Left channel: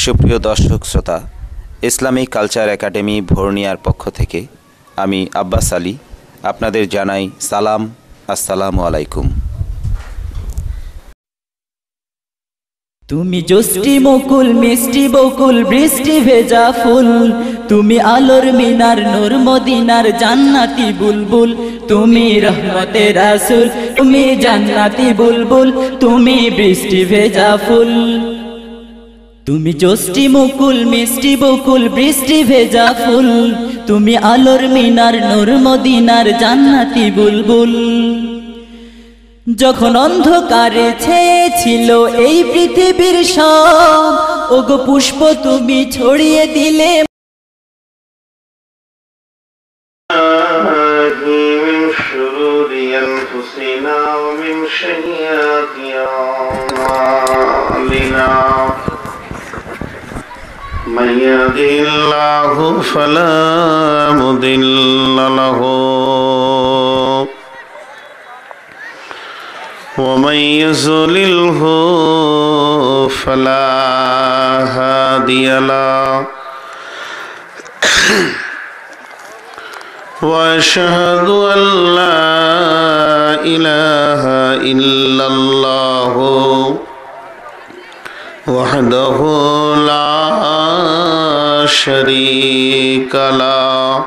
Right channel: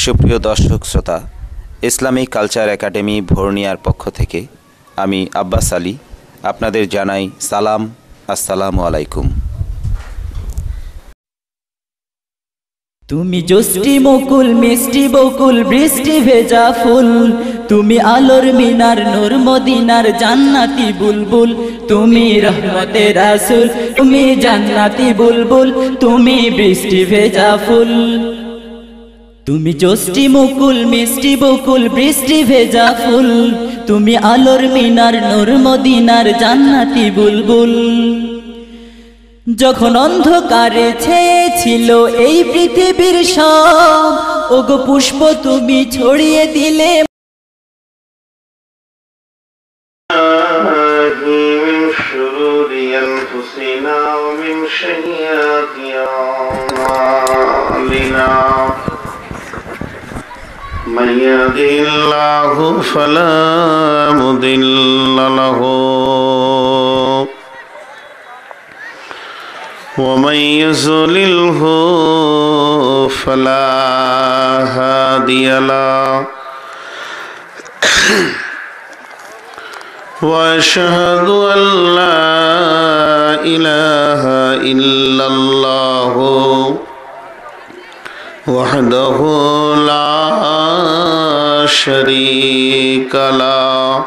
সুপ্রিয় দর্শক শ্রোতা, ইসলামিক কালচার একাডেমি ভোরনিয়ার পক্ষ থেকে আমি আব্বাস আলী আপনাদের জানাই সালাম। আসসালামু আলাইকুম। তুমি জষ্টি মুকুল মিষ্টি বকুল বৃষ্টি ভেজা ফুল, তুমি আলোর মিনার নূর মদিনার জান্নাতি বুলবুল, তুমি রহমতে রাসূল, তুমি জান্নাতি বুলবুল, তুমি বৃষ্টি ভেজা ফুল। তুমি জষ্টি মুকুল মিষ্টি বকুল বৃষ্টি ভেজা ফুল, তুমি আলোর মিনার নূর মদিনার জান্নাতি বুলবুল। যখন অন্ধকারে ছেয়েছিল এই পৃথিবীর সব, ওগো পুষ্প তুমি ছড়িয়ে দিলে। من يهده الله فلا مضل له ومن يضلله فلا هادي له وأشهد أن لا إله إلا الله وحده لا شريك له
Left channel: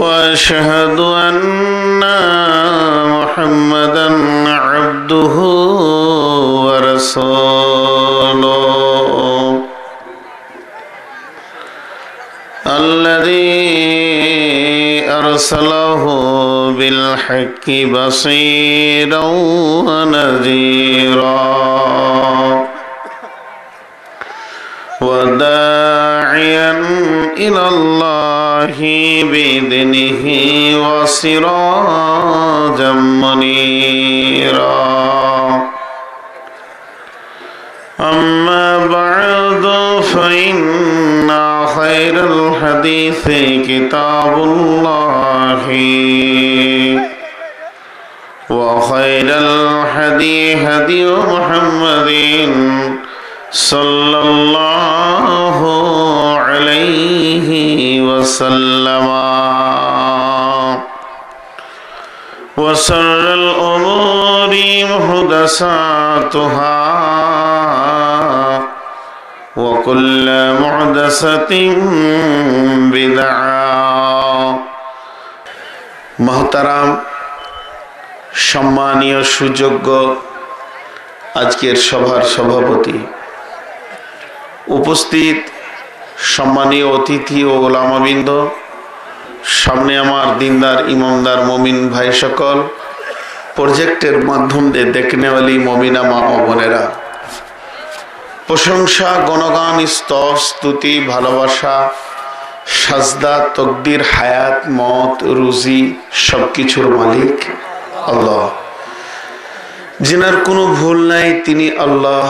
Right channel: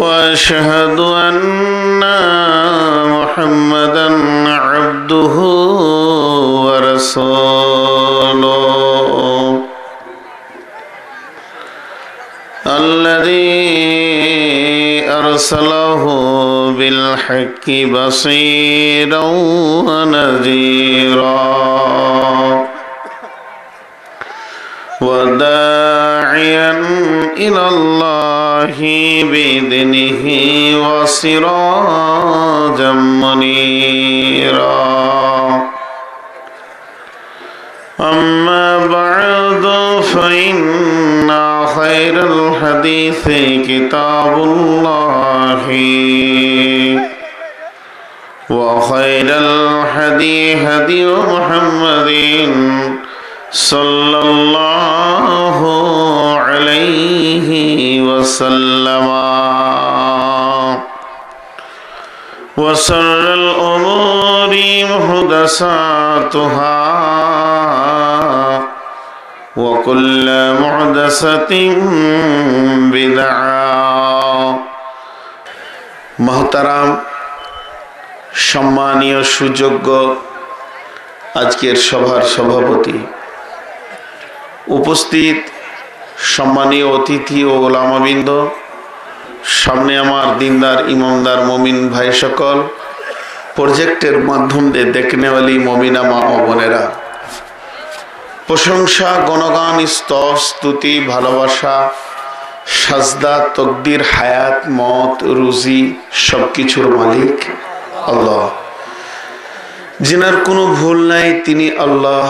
وأشهد أن محمدا عبده ورسوله الذي أرسله بالحق بصيرا ونذيرا وداعيا إلى الله بإذنه وسراجا منيرا. أما بعد فإن خير الحديث كتاب الله وخير الهدي هدي محمد صلى الله عليه وسلم وشر الأمور محدثاتها وكل محدثة بدعة. محترم সম্মানীয় সুযোগ্য আজকের সভার সভাপতি, উপস্থিত সম্মানীয় অতিথি ও ওলামাবৃন্দ, সামনে আমার দিনদার ইমামদার মমিন ভাই সকল, প্রজেক্টের মাধ্যমে দেখনেওয়ালি মমিনা মা ও বোনেরা, প্রশংসা গণগান স্তব স্তুতি ভালোবাসা সাজদা তকদির হায়াত মত রুজি সবকিছুর মালিক আল্লাহ। যিনার কোনো ভুল নাই তিনি আল্লাহ,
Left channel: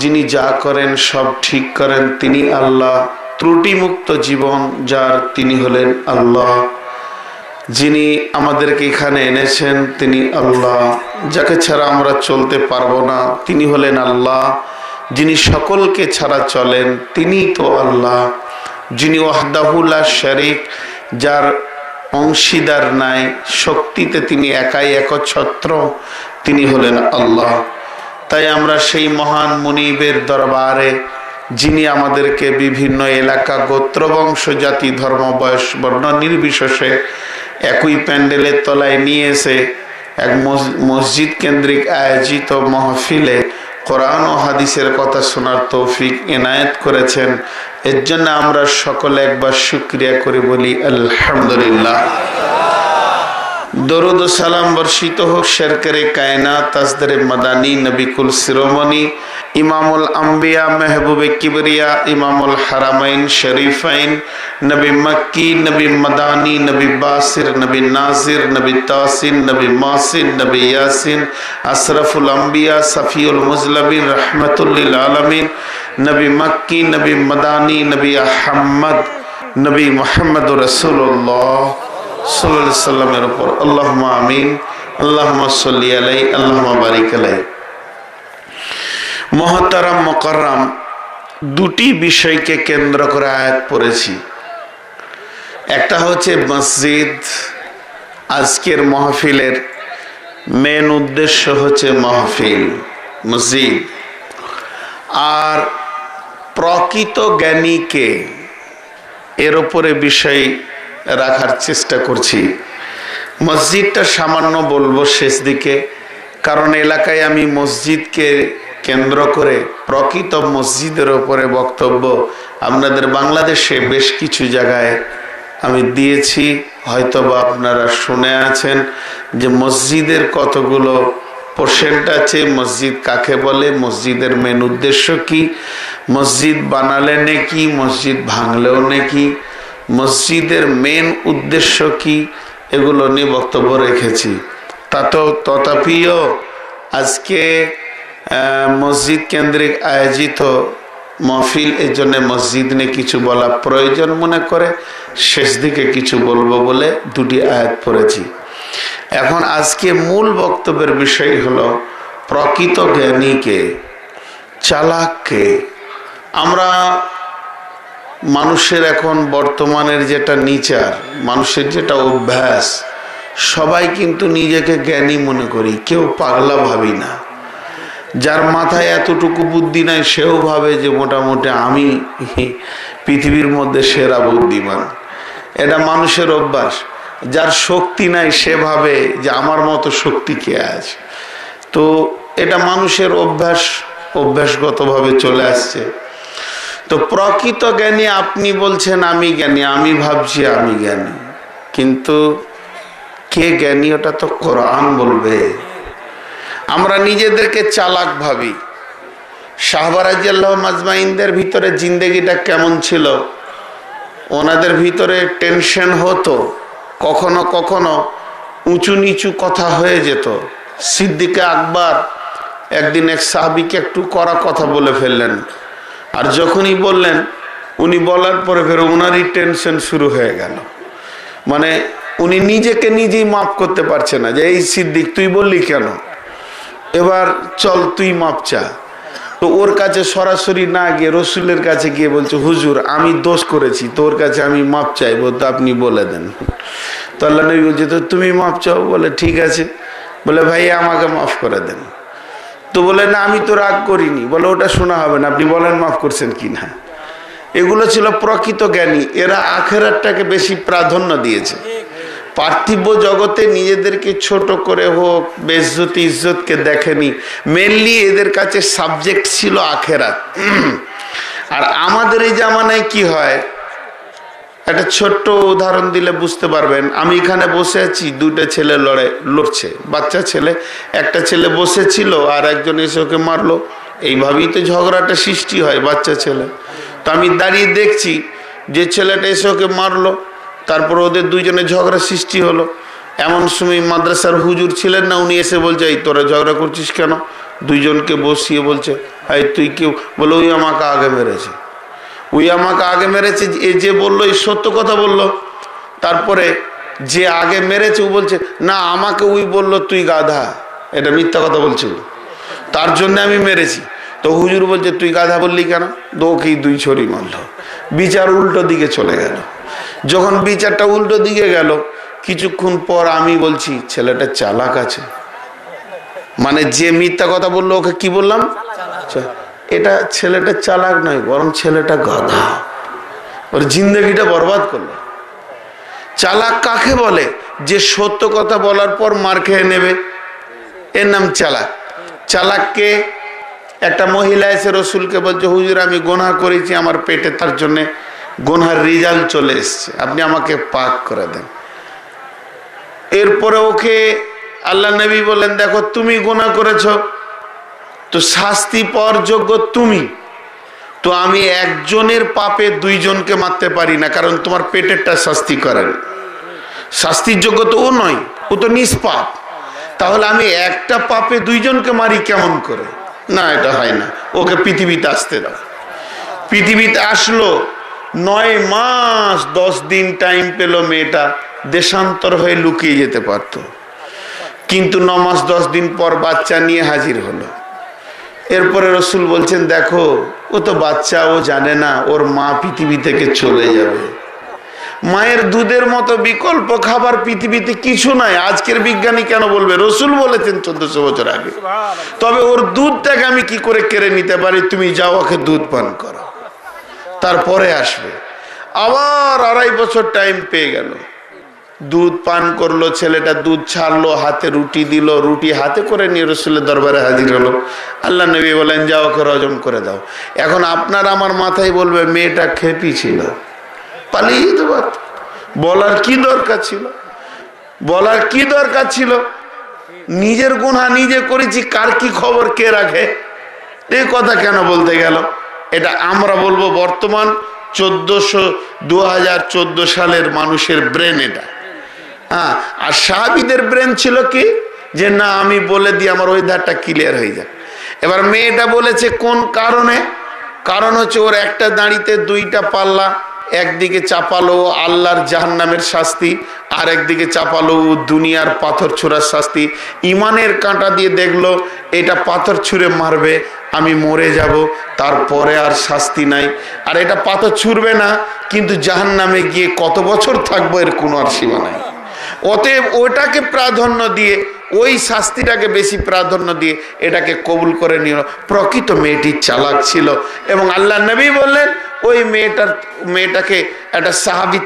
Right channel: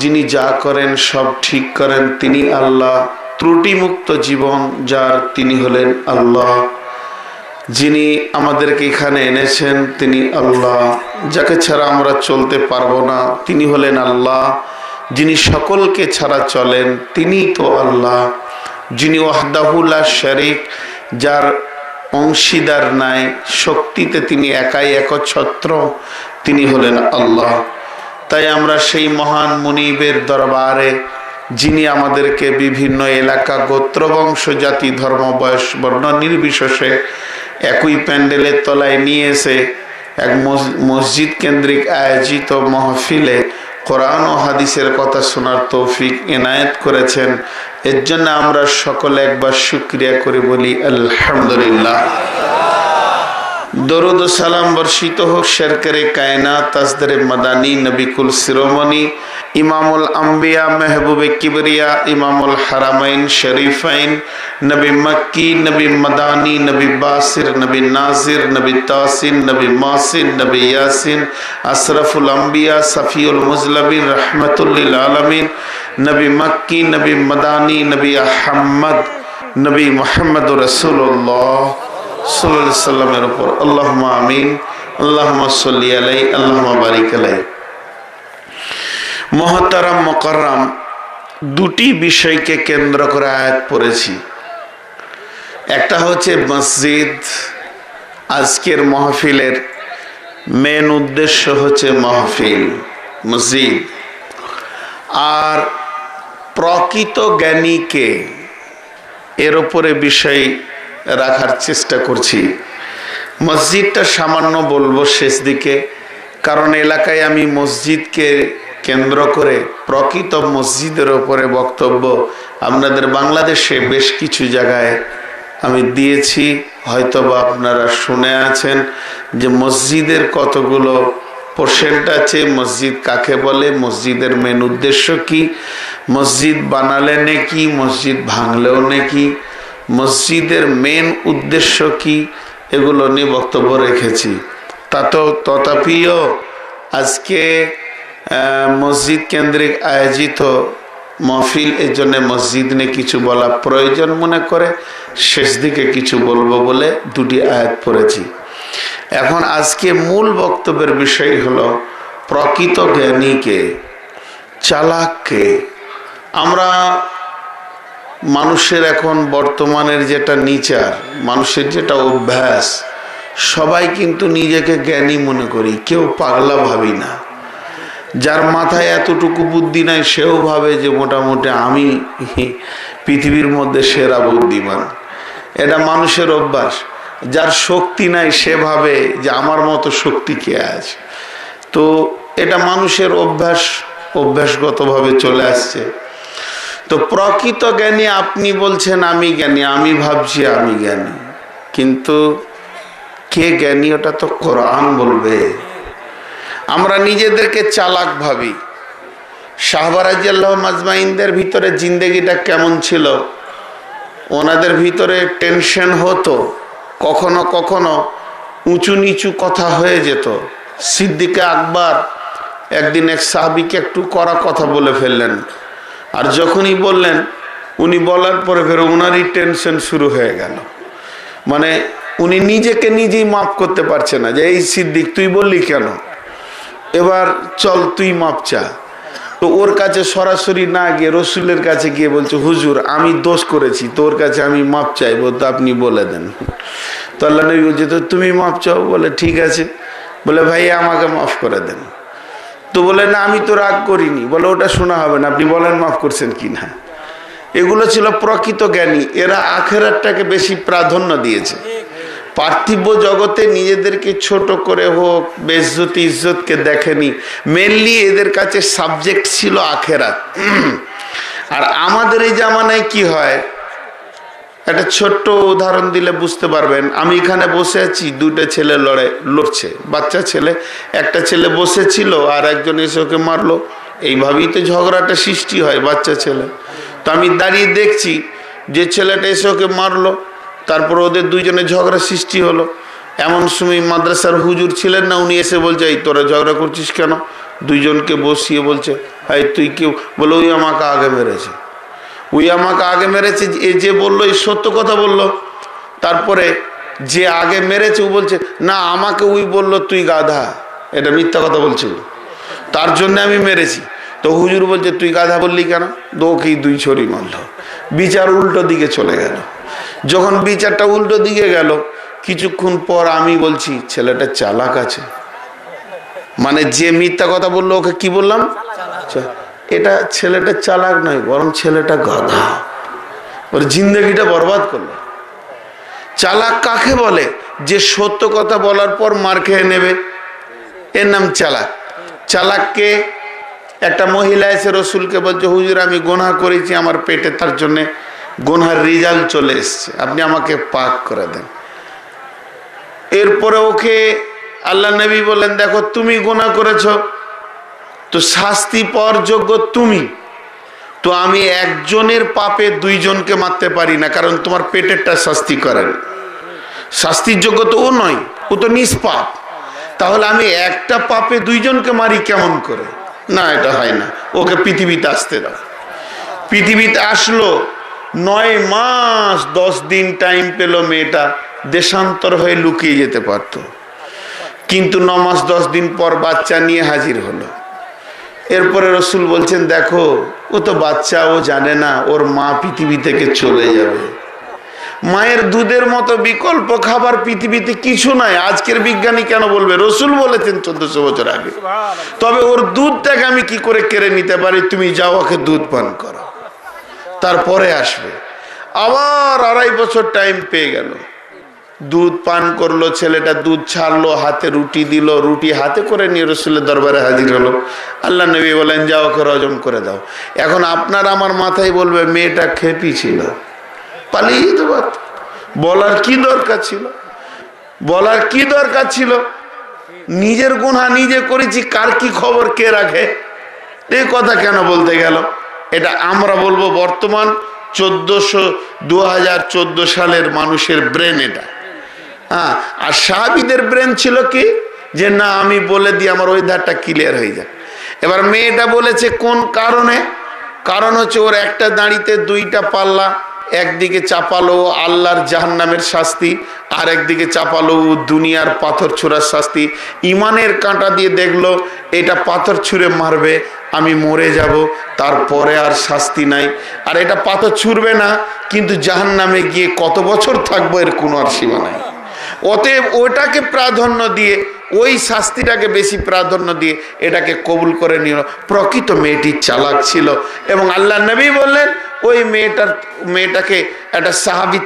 যিনি যা করেন সব ঠিক করেন তিনি আল্লাহ, ত্রুটিমুক্ত জীবন যার তিনি হলেন আল্লাহ। যিনি আমাদেরকে এখানে এনেছেন তিনি আল্লাহ, যাকে ছাড়া আমরা চলতে পারবো না তিনি হলেন আল্লাহ। যিনি সকলকে ছাড়া চলেন তিনি তো আল্লাহ। যিনি ওয়াহদাহু লা শারীক, যার অংশীদার নাই, শক্তিতে তিনি একাই একচ্ছত্র, তিনি হলেন আল্লাহ। তাই আমরা সেই মহান মুনিবের দরবারে, যিনি আমাদেরকে বিভিন্ন এলাকা গোত্র বংশ জাতি ধর্ম বয়স বর্ণ নির্বিশেষে একই প্যান্ডেলের তলায় নিয়ে এসে এক মসজিদ কেন্দ্রিক আয়োজিত মাহফিলে কোরআন ও হাদিসের কথা শোনার তৌফিক এনায়েত করেছেন, এর জন্য আমরা সকলে একবার শুকরিয়া করে বলি আলহামদুলিল্লাহ। দরুদ ও সালাম বর্ষিত হোক শেরকারে কায়নাত তাজদারে মাদানী নবিকুল শিরোমণি ইমামুল আম্বিয়া মেহবুবে কিবরিয়া ইমামুল হারামাইন শরীফাইন নবী মক্কি নবী মাদানী নবী বাসির নবী নাজির নবী তাসিন নবী মাসিন নবী ইয়াসিন আশরাফুল আম্বিয়া সফিউল মুজলবিন রহমতুল লিল আলামিন নবী মক্কি নবী মাদানী নবী আহমদ নবী মুহাম্মদ রাসূলুল্লাহ সাল্লাল্লাহু আলাইহি সাল্লামের উপর আল্লাহুম্মা আমিন। আল্লাহুম্মা সাল্লি আলাইহি আল্লাহুম্মা বারিক আলাইহি। মহতারাম মুকাররম, দুটি বিষয়কে কেন্দ্র করে আয়াত পড়েছি। একটা হচ্ছে মসজিদ। আজকের মাহফিলের মেন উদ্দেশ্য হচ্ছে মাহফিল, মসজিদ। আর প্রকৃত জ্ঞানীকে এর উপরে বিষয় রাখার চেষ্টা করছি। মসজিদটা সামান্য বলবো শেষ দিকে, কারণ এলাকায় আমি মসজিদকে কেন্দ্র করে প্রকৃত মসজিদের উপরে বক্তব্য আপনাদের বাংলাদেশে বেশ কিছু জায়গায় আমি দিয়েছি, হয়তোবা আপনারা শুনে আছেন যে মসজিদের কতগুলো পার্সেন্ট আছে, মসজিদ কাকে বলে, মসজিদের মেন উদ্দেশ্য কি, মসজিদ বানালে নাকি, মসজিদ ভাঙলেও নাকি, মসজিদের মেন উদ্দেশ্য কি, এগুলো নিয়ে বক্তব্য রেখেছি। তথাপিও আজকে মসজিদ কেন্দ্রিক আয়োজিত মাহফিল, এর জন্য মসজিদ নিয়ে কিছু বলা প্রয়োজন মনে করে শেষ দিকে কিছু বলবো বলে দুটি আয়াত পড়েছি। এখন আজকে মূল বক্তব্যের বিষয় হলো প্রকৃত জ্ঞানীকে, চালাককে। আমরা মানুষের এখন বর্তমানের যেটা নেচার, মানুষের যেটা অভ্যাস, সবাই কিন্তু নিজেকে জ্ঞানী মনে করি, কেউ পাগলা ভাবি না। যার মাথায় এতটুকু বুদ্ধি নাই সেও ভাবে যে মোটামুটি আমি পৃথিবীর মধ্যে সেরা বুদ্ধিমান। এটা মানুষের অভ্যাস। যার শক্তি নাই সে ভাবে যে আমার মতো শক্তি কে আছে। তো এটা মানুষের অভ্যাসগতভাবে চলে আসছে। তো প্রকৃত জ্ঞানী আপনি বলছেন আমি জ্ঞানী, আমি ভাবছি আমি জ্ঞানী, কিন্তু কে জ্ঞানী ওটা তো কোরআন বলবে। আমরা নিজেদেরকে চালাক ভাবি। সাহাবা রাদিয়াল্লাহু মাজমাইনদের ভিতরে জিন্দেগিটা কেমন ছিল? ওনাদের ভিতরে টেনশন হতো, কখনো কখনো উঁচু নিচু কথা হয়ে যেত। সিদ্দিকে আকবর একদিন এক সাহাবীকে একটু কড়া কথা বলে ফেললেন, আর যখনই বললেন উনি বলার পরে ফের ওনারই টেনশন শুরু হয়ে গেল। মানে উনি নিজেকে নিজেই মাফ করতে পারছে না যে এই সিদ্দিক তুই বললি কেন, এবার চল তুই মাপ চা। তো ওর কাছে সরাসরি না গিয়ে রসুলের কাছে গিয়ে বলছে হুজুর আমি দোষ করেছি, তোর কাছে আমি মাপ চাইবো, তো আপনি বলে দেন। তো আল্লাহ নবী বলছে তো তুমি মাপ চাও? বলে ঠিক আছে। বলে ভাই আমাকে মাফ করে দেন। তো বলে না আমি তো রাগ করিনি। বলে ওটা শোনা হবে না, আপনি বলেন মাফ করছেন কিনা। এগুলো ছিল প্রকৃত জ্ঞানী। এরা আখিরাতটাকে বেশি প্রাধান্য দিয়েছে। পার্থিব জগতে নিজেদেরকে ছোট করে হোক, বেইজ্জতি ইজ্জতকে দেখেনি। মেনলি এদের কাছে সাবজেক্ট ছিল আখিরাত। আর আমাদের এই জামানায় কি হয়, একটা ছোট্ট উদাহরণ দিলে বুঝতে পারবেন। আমি এখানে বসে আছি, দুটো ছেলে লড়ছে, বাচ্চা ছেলে। একটা ছেলে বসেছিল আর একজন এসে ওকে মারলো। এইভাবেই তো ঝগড়াটা সৃষ্টি হয়, বাচ্চা ছেলে। তো আমি দাঁড়িয়ে দেখছি যে ছেলেটা এসে ওকে মারলো, তারপর ওদের দুইজনে ঝগড়া সৃষ্টি হলো। এমন সময় মাদ্রাসার হুজুর ছিলেন না, উনি এসে বলছে এই তোরা ঝগড়া করছিস কেন? দুইজনকে বসিয়ে বলছে এই তুই কেউ? বলে ওই আমাকে আগে মেরেছে, ওই আমাকে আগে মেরেছে। এ যে বললো এই সত্য কথা বললো। তারপরে যে আগে মেরেছে ও বলছে না আমাকে ওই বললো তুই গাধা, এটা মিথ্যা কথা বলছে, তার জন্য আমি মেরেছি। তো হুজুর বলছে তুই গাধা বললি কেন? তো ওকেই দুই ছড়ি মারলো। বিচার উল্টো দিকে চলে গেল। যখন বিচারটা উল্টো দিকে গেল, কিছুক্ষণ পর আমি বলছি ছেলেটা চালাক আছে। মানে যে মিথ্যা কথা বললো ওকে কি বললাম? এটা ছেলেটা চালাক নয়, বরং ছেলেটা গাধা, ওর জিন্দগিটা বরবাদ করলো। চালাক কাকে বলে? যে সত্য কথা বলার পর মার খেয়ে নেবে, এর নাম চালাক। চালাককে একটা মহিলা এসে রসুলকে বলছে হুজুর আমি গুনাহ করেছি আমার পেটে, তার জন্য গুনাহের রেজাল্ট চলে এসছে, আপনি আমাকে পাক করে দেন। এরপরে ওকে আল্লাহ নবী বললেন দেখো তুমি গুনাহ করেছো, তো শাস্তি পাওয়ার যোগ্য তুমি। তো আমি একজনের পাপে দুইজনকে মারতে পারি না, কারণ তোমার পেটেরটা শাস্তি করেন, শাস্তির যোগ্য তো ও নয়, ও তো নিষ্পাপ। তাহলে আমি একটা পাপে দুইজনকে মারি কেমন করে? না এটা হয় না, ওকে পৃথিবীতে আসতে দাও। পৃথিবীতে আসলো, 9 মাস 10 দিন টাইম পেল। মেয়েটা দেশান্তর হয়ে লুকিয়ে যেতে পারত, কিন্তু 9 মাস 10 দিন পর বাচ্চা নিয়ে হাজির হলো। এরপরে রসুল বলছেন, দেখো ও তো বাচ্চা, ও জানে না ওর মা পৃথিবী থেকে চলে যাবে। মায়ের দুধের মতো বিকল্প খাবার পৃথিবীতে কিছু নাই। আজকের বিজ্ঞানী কেন বলবে? রসুল বলেছেন 1400 বছর আগে। তবে ওর দুধটাকে আমি কি করে কেড়ে নিতে পারি? তুমি যাও, ওকে দুধ পান করো, তারপরে আসবে। আবার 2.5 বছর টাইম পেয়ে গেল। দুধ পান করলো ছেলেটা, দুধ ছাড়লো, হাতে রুটি দিল, রুটি হাতে করে নিয়ে রসুলের দরবারে হাজির হলো। আল্লাহ নবী বলেন, যাও ওকে হজম করে দাও। এখন আপনার আমার মাথায় বলবে মেয়েটা খেপি ছিল, পালিয়ে যেতে পারত। বলার কি দরকার ছিল? বলার কি দরকার ছিল? নিজের গুনাহ নিজে করেছি, কার কি খবর কে রাখে? এই কথা কেন বলতে গেল? এটা আমরা বলবো বর্তমান 2014 সালের মানুষের ব্রেন এটা। আর সাহাবীদের ব্রেন ছিল কি, যে না আমি বলে দিই আমার ওই ধারটা ক্লিয়ার হয়ে যায়। এবার মেয়েটা বলেছে কোন কারণে? কারণ হচ্ছে ওর একটা দাঁড়িতে 2টা পাল্লা, একদিকে চাপালো আল্লাহর জাহান্নামের শাস্তি, আর একদিকে চাপালো দুনিয়ার পাথর ছোড়ার শাস্তি। ইমানের কাঁটা দিয়ে দেখলো এটা পাথর ছুঁড়ে মারবে, আমি মরে যাব, তারপরে আর শাস্তি নাই। আর এটা পাথর ছুঁড়বে না, কিন্তু জাহান্নামে গিয়ে কত বছর থাকবো এর কোনো আর সীমা নাই। অতএব ওটাকে প্রাধান্য দিয়ে, ওই শাস্তিটাকে বেশি প্রাধান্য দিয়ে এটাকে কবুল করে নিল। প্রকৃত মেয়েটি চালাক ছিল। এবং আল্লাহ নবী বললেন, ওই মেয়েটাকে একটা সাহাবী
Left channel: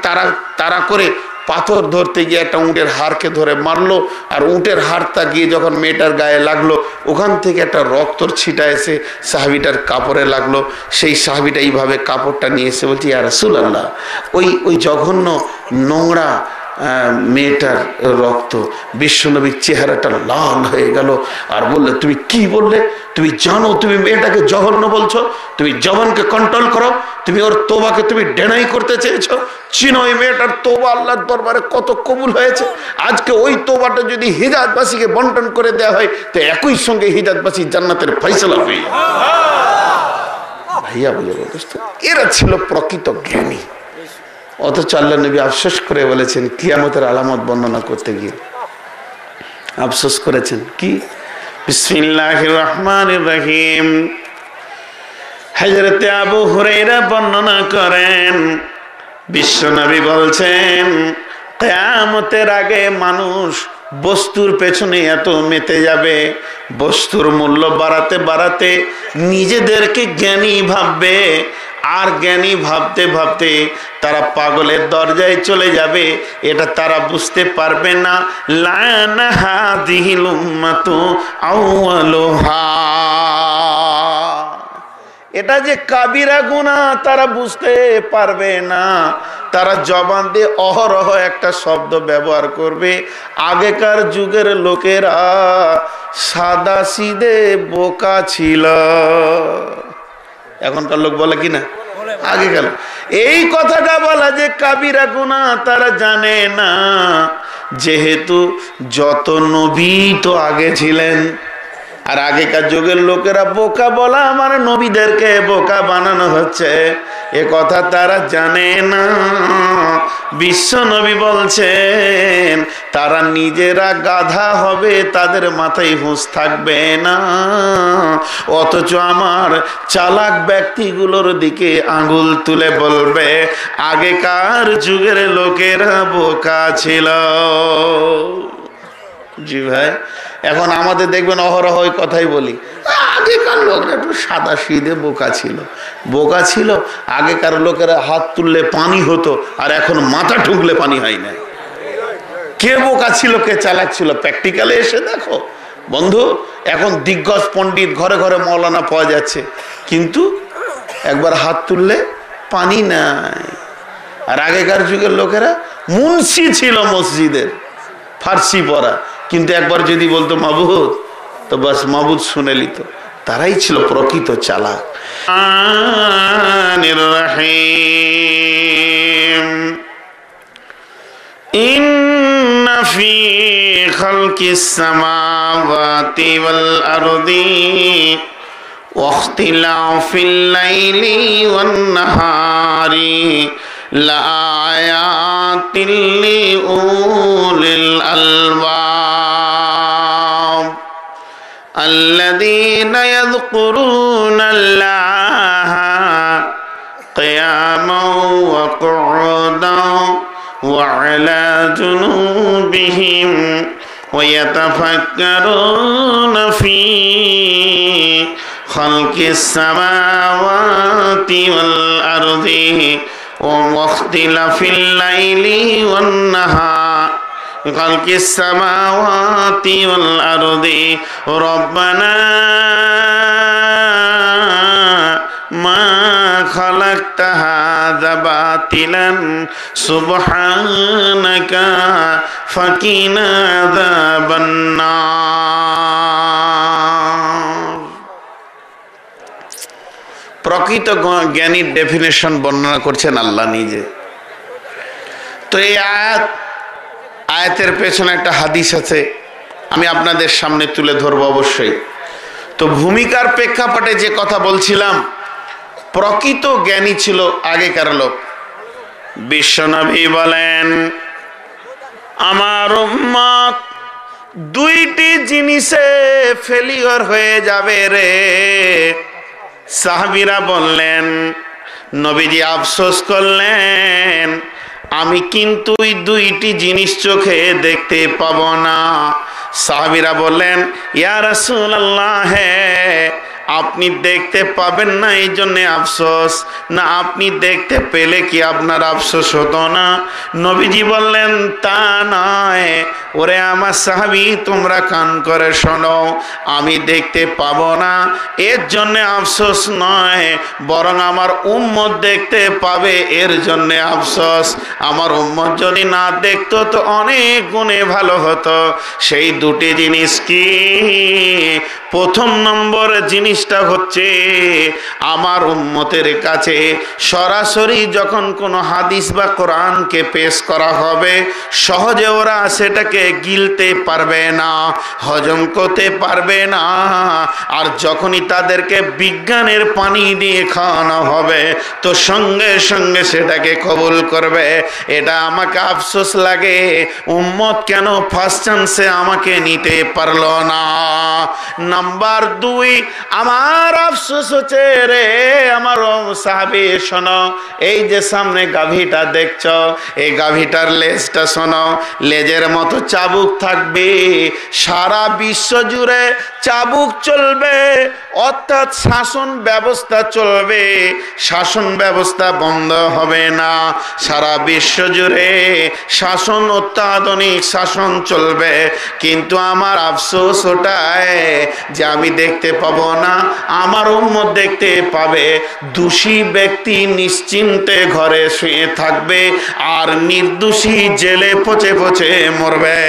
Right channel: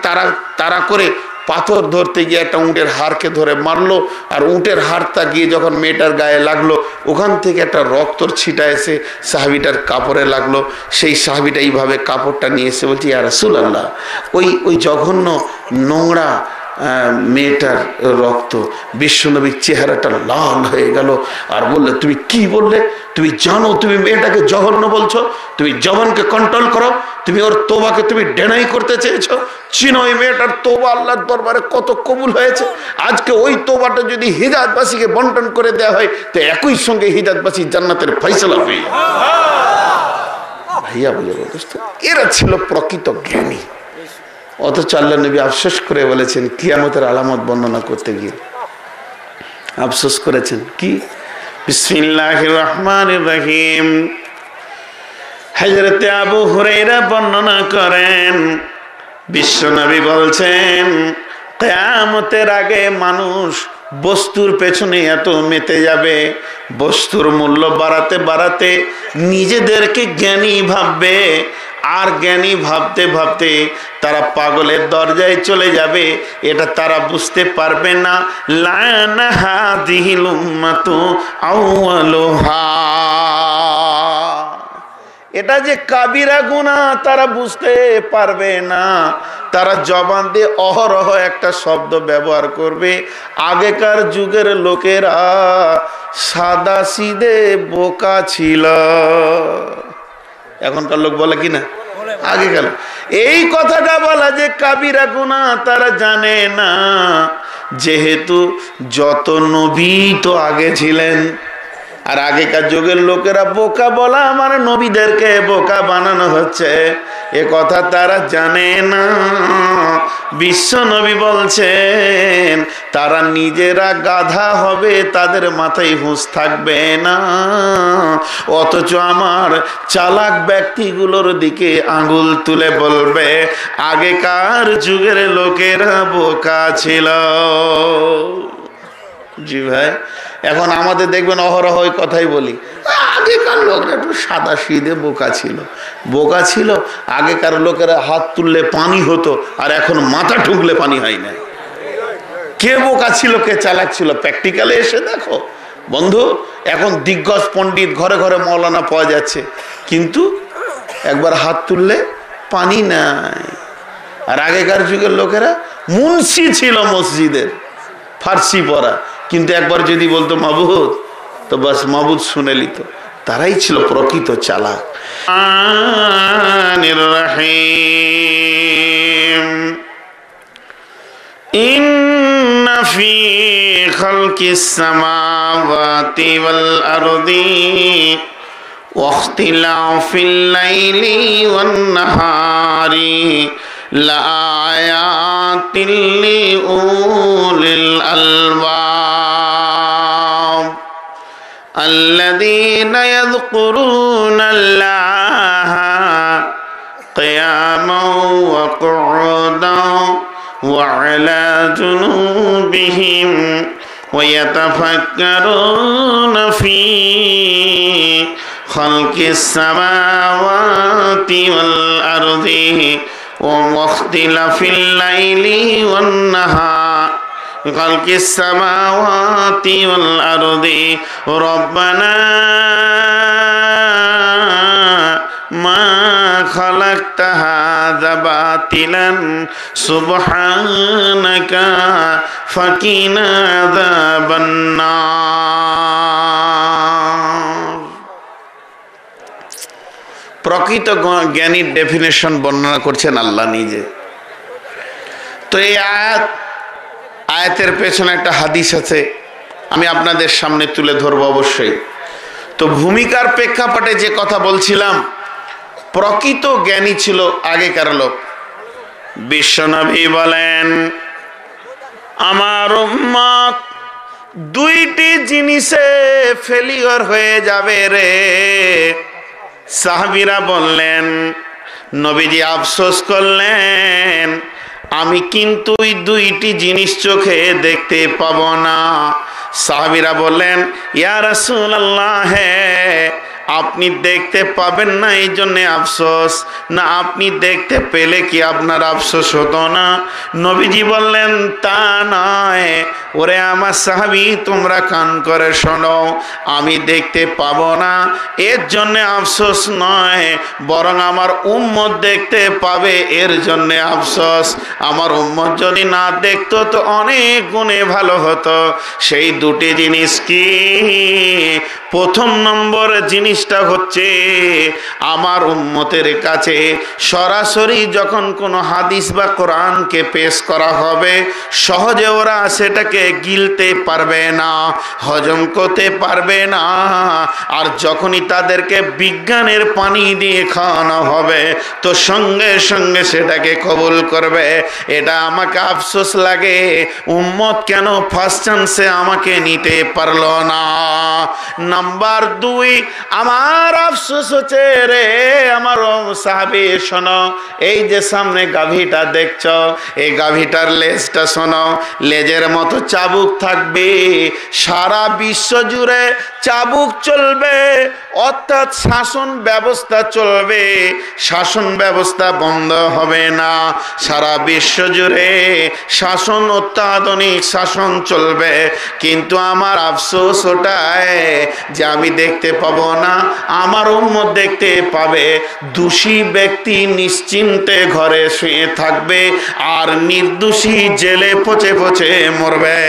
তারা করে পাথর ধরতে গিয়ে একটা উটের হাড়কে ধরে মারলো। আর উটের হাড়টা গিয়ে যখন মেয়েটার গায়ে লাগলো, ওখান থেকে একটা রক্তর ছিটা এসে সাহাবীটার কাপড়ে লাগলো। সেই সাহাবীটা এইভাবে কাপড়টা নিয়ে এসে বলছি, ইয়া রাসূলুল্লাহ, ওই জঘন্য নোংরা মেয়েটার রক্ত। বিশ্বনবীর চেহারাটা লাল হয়ে গেল আর বললে, তুমি কি বললে? তুমি জানো তুমি মেয়েটাকে জঘন্য বলছো? তুমি জবানকে কন্ট্রোল করো। তুমি ওর তোবাকে তুমি ডেনাই করতে চেয়েছো। চিনো ওই মেয়েটার তোবা আল্লাহর দরবারে কত কবুল হয়েছে। আজকে ওই তোবাটা যদি হিজাজবাসীকে বন্টন করে দেওয়া হয়, তো একই সঙ্গে হিজাজবাসী জান্নাতের ফয়সালা হবে। ভাইয়া বলে বলতো, এরা ছিল প্রকৃত জ্ঞানী। অথচ আল্লাহ নবী আফসোস করে বলেছেন, কিয়ামতের আলামত বর্ণনা করতে গিয়ে আফসোস করেছেন কি? বিসমিল্লাহির রহমানির রহিম। হযরতে আবু হুরায়রা বর্ণনা করেন, বিশ্বনবী বলছেন, কিয়ামতের আগে মানুষ বস্তুর পেছনে এত মেতে যাবে, বস্তুর মূল্য বাড়াতে বাড়াতে নিজেদেরকে জ্ঞানী ভাববে। আর জ্ঞানী ভাবতে ভাবতে তারা পাগলের দরজায় চলে যাবে। এটা তারা বুঝতে পারবে না। লানা হাদিহিল উম্মাতু আউয়ালুহা, এটা যে কাবিরা গুনাহ তারা বুঝতে পারবে না। তারা জবান দিয়ে অহরহ একটা শব্দ ব্যবহার করবে। আগেকার যুগের লোকেরা সাদা সিধে বোকা ছিল। এখনকার লোক বলে কি না? আগে গেল এই কথাটা বলা যে কাবিরা গুনাহ তারা জানে না। যেহেতু যত নবী তো আগে ছিলেন, আর আগেকার যুগের লোকেরা বোকা বলা মানে নবীদেরকে বোকা বানানো হচ্ছে, এ কথা তারা জানে না। বিশ্ব নবী বলছেন, তারা নিজেরা গাধা হবে, তাদের মাথায় হুঁশ থাকবে না। অথচ আমার চালাক ব্যক্তিগুলোর দিকে আঙ্গুল তুলে বলবে, আগেকার যুগের লোকেরা বোকা ছিল। জি ভাই, এখন আমাদের দেখবেন অহরহ ওই কথাই বলি, আগেকার লোকরা একটু সাদা সিধে বোকা ছিল। বোকা ছিল আগেকার লোকেরা, হাত তুললে পানি হতো, আর এখন মাথা ঠুকলে পানি হয় না। কে বোকা ছিল কে চালাক ছিল প্র্যাকটিক্যালে এসে দেখো বন্ধু। এখন দিগ্গজ পণ্ডিত ঘরে ঘরে মৌলানা পাওয়া যাচ্ছে, কিন্তু একবার হাত তুললে পানি নাই। আর আগেকার যুগের লোকেরা মুন্সি ছিল মসজিদের, ফার্সি পড়া, কিন্তু একবার যদি বলতো মাবুদ, তো বাস মাবুদ শুনে নিত। তারাই ছিল প্রকৃত চালাক। ইন্না ফি খালকিস সামাওয়াতি ওয়াল আরদি ওয়া ইখতিলাফিল লাইলি ওয়ান নাহারি লাআয়াতিল লিউলিল আলবাব। আল্লাযীনা ইয়াযকুরুনাল্লাহা কিয়ামান ওয়া কুউদান ওয়া আলা জুনুবিহিম ওয়া ইয়াতাফাক্কারুনা ফী খালকিস সামাওয়াতি ওয়াল আরদি ওয়া ইখতিলাফিল লাইলি ওয়ান নাহার খালকিস সামাওয়াতি ওয়াল আরদি রব্বানা মা খালাকতা হাযা বাতিলান সুবহানাকা ফাকিনা আযাবান নার। প্রকৃত জ্ঞানীর ডেফিনেশন বর্ণনা করছেন আল্লাহ নিজে। তো এই আয়াতের পেছনে একটা হাদিস আছে, আমি আপনাদের সামনে তুলে ধরবো অবশ্যই। তো ভূমিকার প্রেক্ষাপটে যে কথা বলছিলাম, প্রকৃত জ্ঞানী ছিল আগেকার লোক। বিশ্বনবী বলেন, আমার উম্মত দুইটি জিনিসে ফেলিওর হয়ে যাবে রে। সাহাবীরা বললেন, নবীজি আফসোস করলেন, আমি কিন্তু ওই দুইটি জিনিস চোখে দেখতে পাবো না। সাহাবীরা বললেন, ইয়া রাসূলুল্লাহ, আপনি দেখতে পাবেন না এই জন্য আফসোস, না আপনি দেখতে পেলে কি আপনার আফসোস হতো না? নবীজি বললেন, তা নয় ওরে আমার সাহাবী, তোমরা কান করে শোনো, আমি দেখতে পাবো না এর জন্য আফসোস নয়, বরং আমার উম্মত দেখতে পাবে এর জন্য আফসোস। আমার উম্মত যদি না দেখতো তো অনেক গুণে ভালো হতো। সেই দুটি জিনিস কি? প্রথম নম্বর জিনিসটা হচ্ছে, আমার উম্মতের কাছে সরাসরি যখন কোনো হাদিস বা কোরআনকে পেশ করা হবে, সহজে ওরা সেটাকে গিলতে পারবে না, হজম করতে পারবে না। আর যখনই তাদেরকে বিজ্ঞানের পানি দিয়ে খাওয়ানো হবে, তো সঙ্গে সঙ্গে সেটাকে কবুল করবে। এটা আমাকে আফসোস লাগে, উম্মত কেন ফার্স্ট চান্সে আমাকে নিতে পারলো না। নাম্বার 2, আমার আফসোস হচ্ছে রে আমার সাহাবী, শোনো, এই যে সামনে গাভীটা দেখছো, এই গাভীটার লেজটা শোনো, লেজের মতো চাবুক থাকবে, সারা বিশ্ব জুড়ে চাবুক চলবে, অর্থাৎ শাসন ব্যবস্থা চলবে, শাসন ব্যবস্থা বন্ধ হবে না। সারা বিশ্ব জুড়ে শাসন, অত্যাধুনিক শাসন চলবে। কিন্তু আমার আফসোস ওটাই যে আমি দেখতে পাবো না, আমার উম্মত দেখতে পাবে। দোষী ব্যক্তি নিশ্চিন্তে ঘরে শুয়ে থাকবে, আর নির্দোষী জেলে পচে পচে মরবে।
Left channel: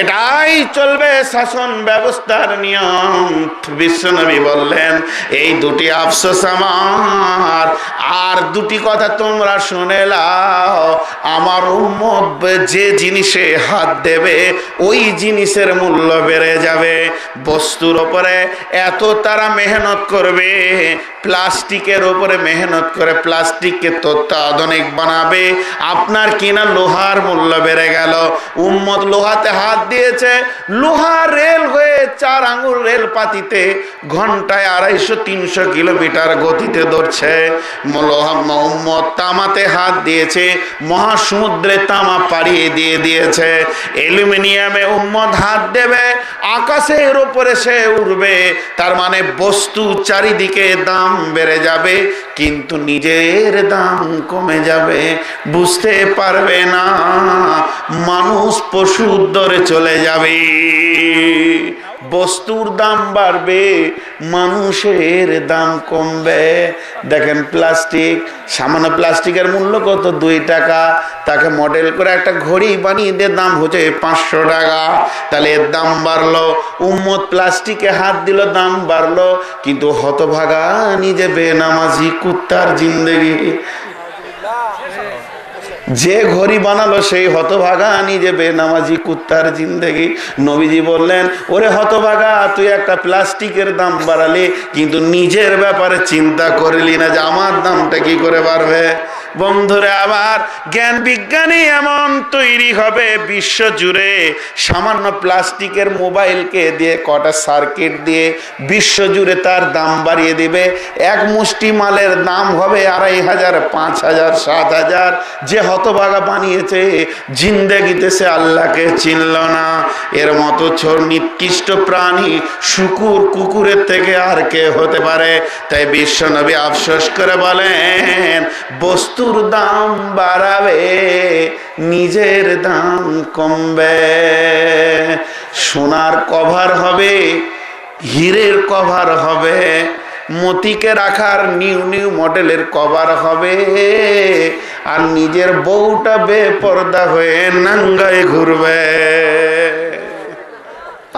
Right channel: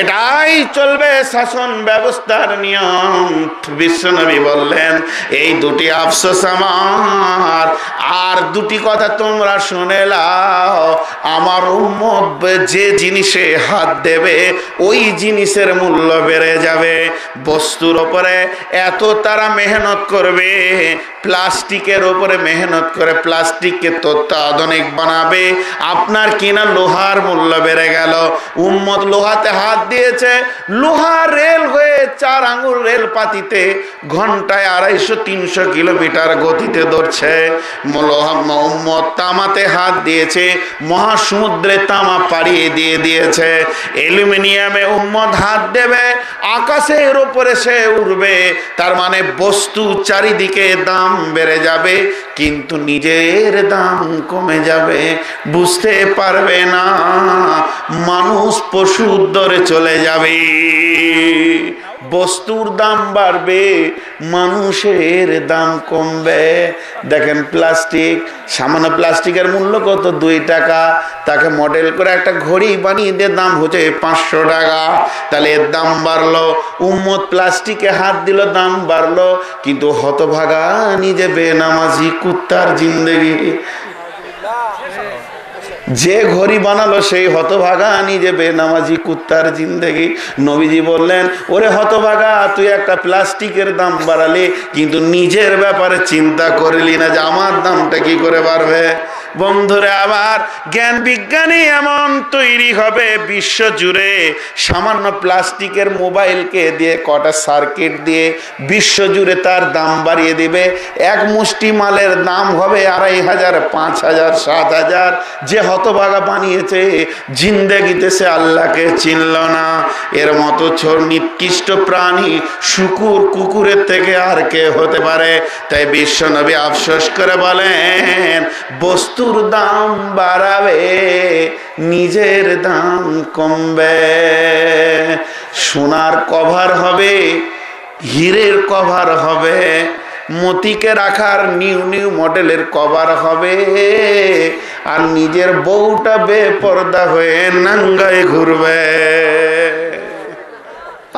এটাই চলবে শাসন ব্যবস্থার নিয়ম। বিশ্বনবী বললেন, এই দুটি আফসোস আমার। আর দুটি কথা তোমরা শুনে নাও, আমার উম্মত যে জিনিসে হাত দেবে ওই জিনিসের মূল্য বেড়ে যাবে। বস্তুর উপরে এত তারা মেহনত করবে, প্লাস্টিকের উপরে মেহনত করে প্লাস্টিককে অত্যাধুনিক বানাবে, আপনার কিনা লোহার মূল্য বেড়ে গেল। উম্মত লোহাতে হাত দিয়েছে, লোহা রেল হয়ে 4 আঙ্গুল রেল পাতিতে ঘন্টায় 250-300 কিলোমিটার গতিতে দৌড়ছে। উম্মত তামাতে হাত দিয়েছে, মহাসমুদ্রে তামা পাড়িয়ে দিয়ে দিয়েছে। অ্যালুমিনিয়ামে উম্মত হাত দেবে, আকাশের উপরে সে উড়বে। তার মানে বস্তু চারিদিকে দাম বেড়ে যাবে, কিন্তু নিজের দাম কমে যাবে, বুঝতে পারবে না। মানুষ পশুর দরে চলে যাবে, বস্তুর দাম বাড়বে, মানুষের দাম কমবে। দেখেন প্লাস্টিক, সামান্য প্লাস্টিকের মূল্য কত? 2 টাকা। তাকে মডেল করে একটা ঘড়ি বানিয়ে দিয়ে দাম হচ্ছে 500 টাকা। তাহলে এর দাম বাড়লো, উম্মত প্লাস্টিকে হাত দিল, দাম বাড়লো। কিন্তু হতভাগা নিজে বেনামাজি কুত্তার জিন্দেগি, যে ঘড়ি বানালো সেই হতভাগা নিজে বেনামাজি কুত্তার জিন্দেগি। নবীজি বললেন, ওরে হতভাগা, তুই একটা প্লাস্টিকের দাম বাড়ালি, কিন্তু নিজের ব্যাপারে চিন্তা করলি না যে আমার দামটা কি করে বাড়বে। বন্ধুরা আবার জ্ঞান বিজ্ঞানী এমন তৈরি হবে বিশ্ব জুড়ে, সামান্য প্লাস্টিকের মোবাইলকে দিয়ে কটা সার্কিট দিয়ে বিশ্ব জুড়ে তার দাম বাড়িয়ে দিবে। এক মুষ্টি মালের দাম হবে 2500, 5000, 7000। যে হতভাগা বানিয়েছে জিন্দেগিতে সে আল্লাহকে চিনল না। এর মতো নিকৃষ্ট প্রাণী শুকুর কুকুরের থেকে আর কে হতে পারে? তাই বিশ্ব নবী আফসোস করে বলেন, বস্তুর দাম বাড়াবে, নিজের দাম কমবে। সোনার কভার হবে, হীরের কভার হবে, মতিকে রাখার নিউ নিউ মডেলের কভার হবে, আর নিজের বউটা বেপরদা হয়ে নাঙ্গায় ঘুরবে।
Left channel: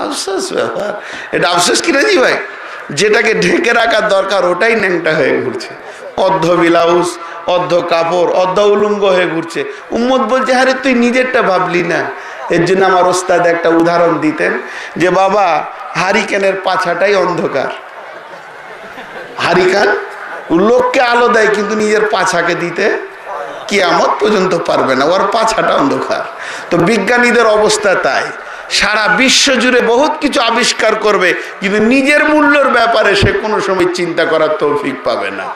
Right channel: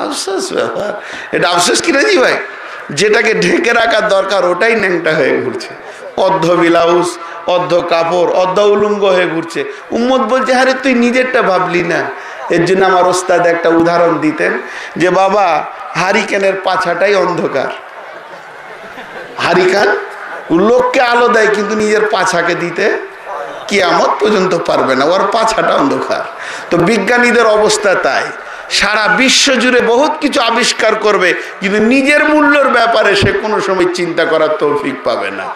আফসোস ব্যাপার। এটা আফসোস কি রাজি ভাই? যেটাকে ঢেকে রাখার দরকার ওটাই ন্যাংটা হয়ে ঘুরছে, অর্ধ ব্লাউজ, অর্ধ কাপড়, অর্ধ উলঙ্গ হয়ে ঘুরছে। উম্মত বলছে, আরে তুই নিজেরটা ভাবলি না। এর জন্য আমার ওস্তাদ একটা উদাহরণ দিতেন যে, বাবা হারিকেনের পাছাটাই অন্ধকার। হারিকেন লোককে আলো দেয় কিন্তু নিজের পাছাকে দিতে কিয়ামত পর্যন্ত পারবে না, ওর পাছাটা অন্ধকার। তো বিজ্ঞানীদের অবস্থা তাই, সারা বিশ্ব জুড়ে বহুত কিছু আবিষ্কার করবে কিন্তু নিজের মূল্যের ব্যাপারে সে কোনো সময় চিন্তা করার তৌফিক পাবে না।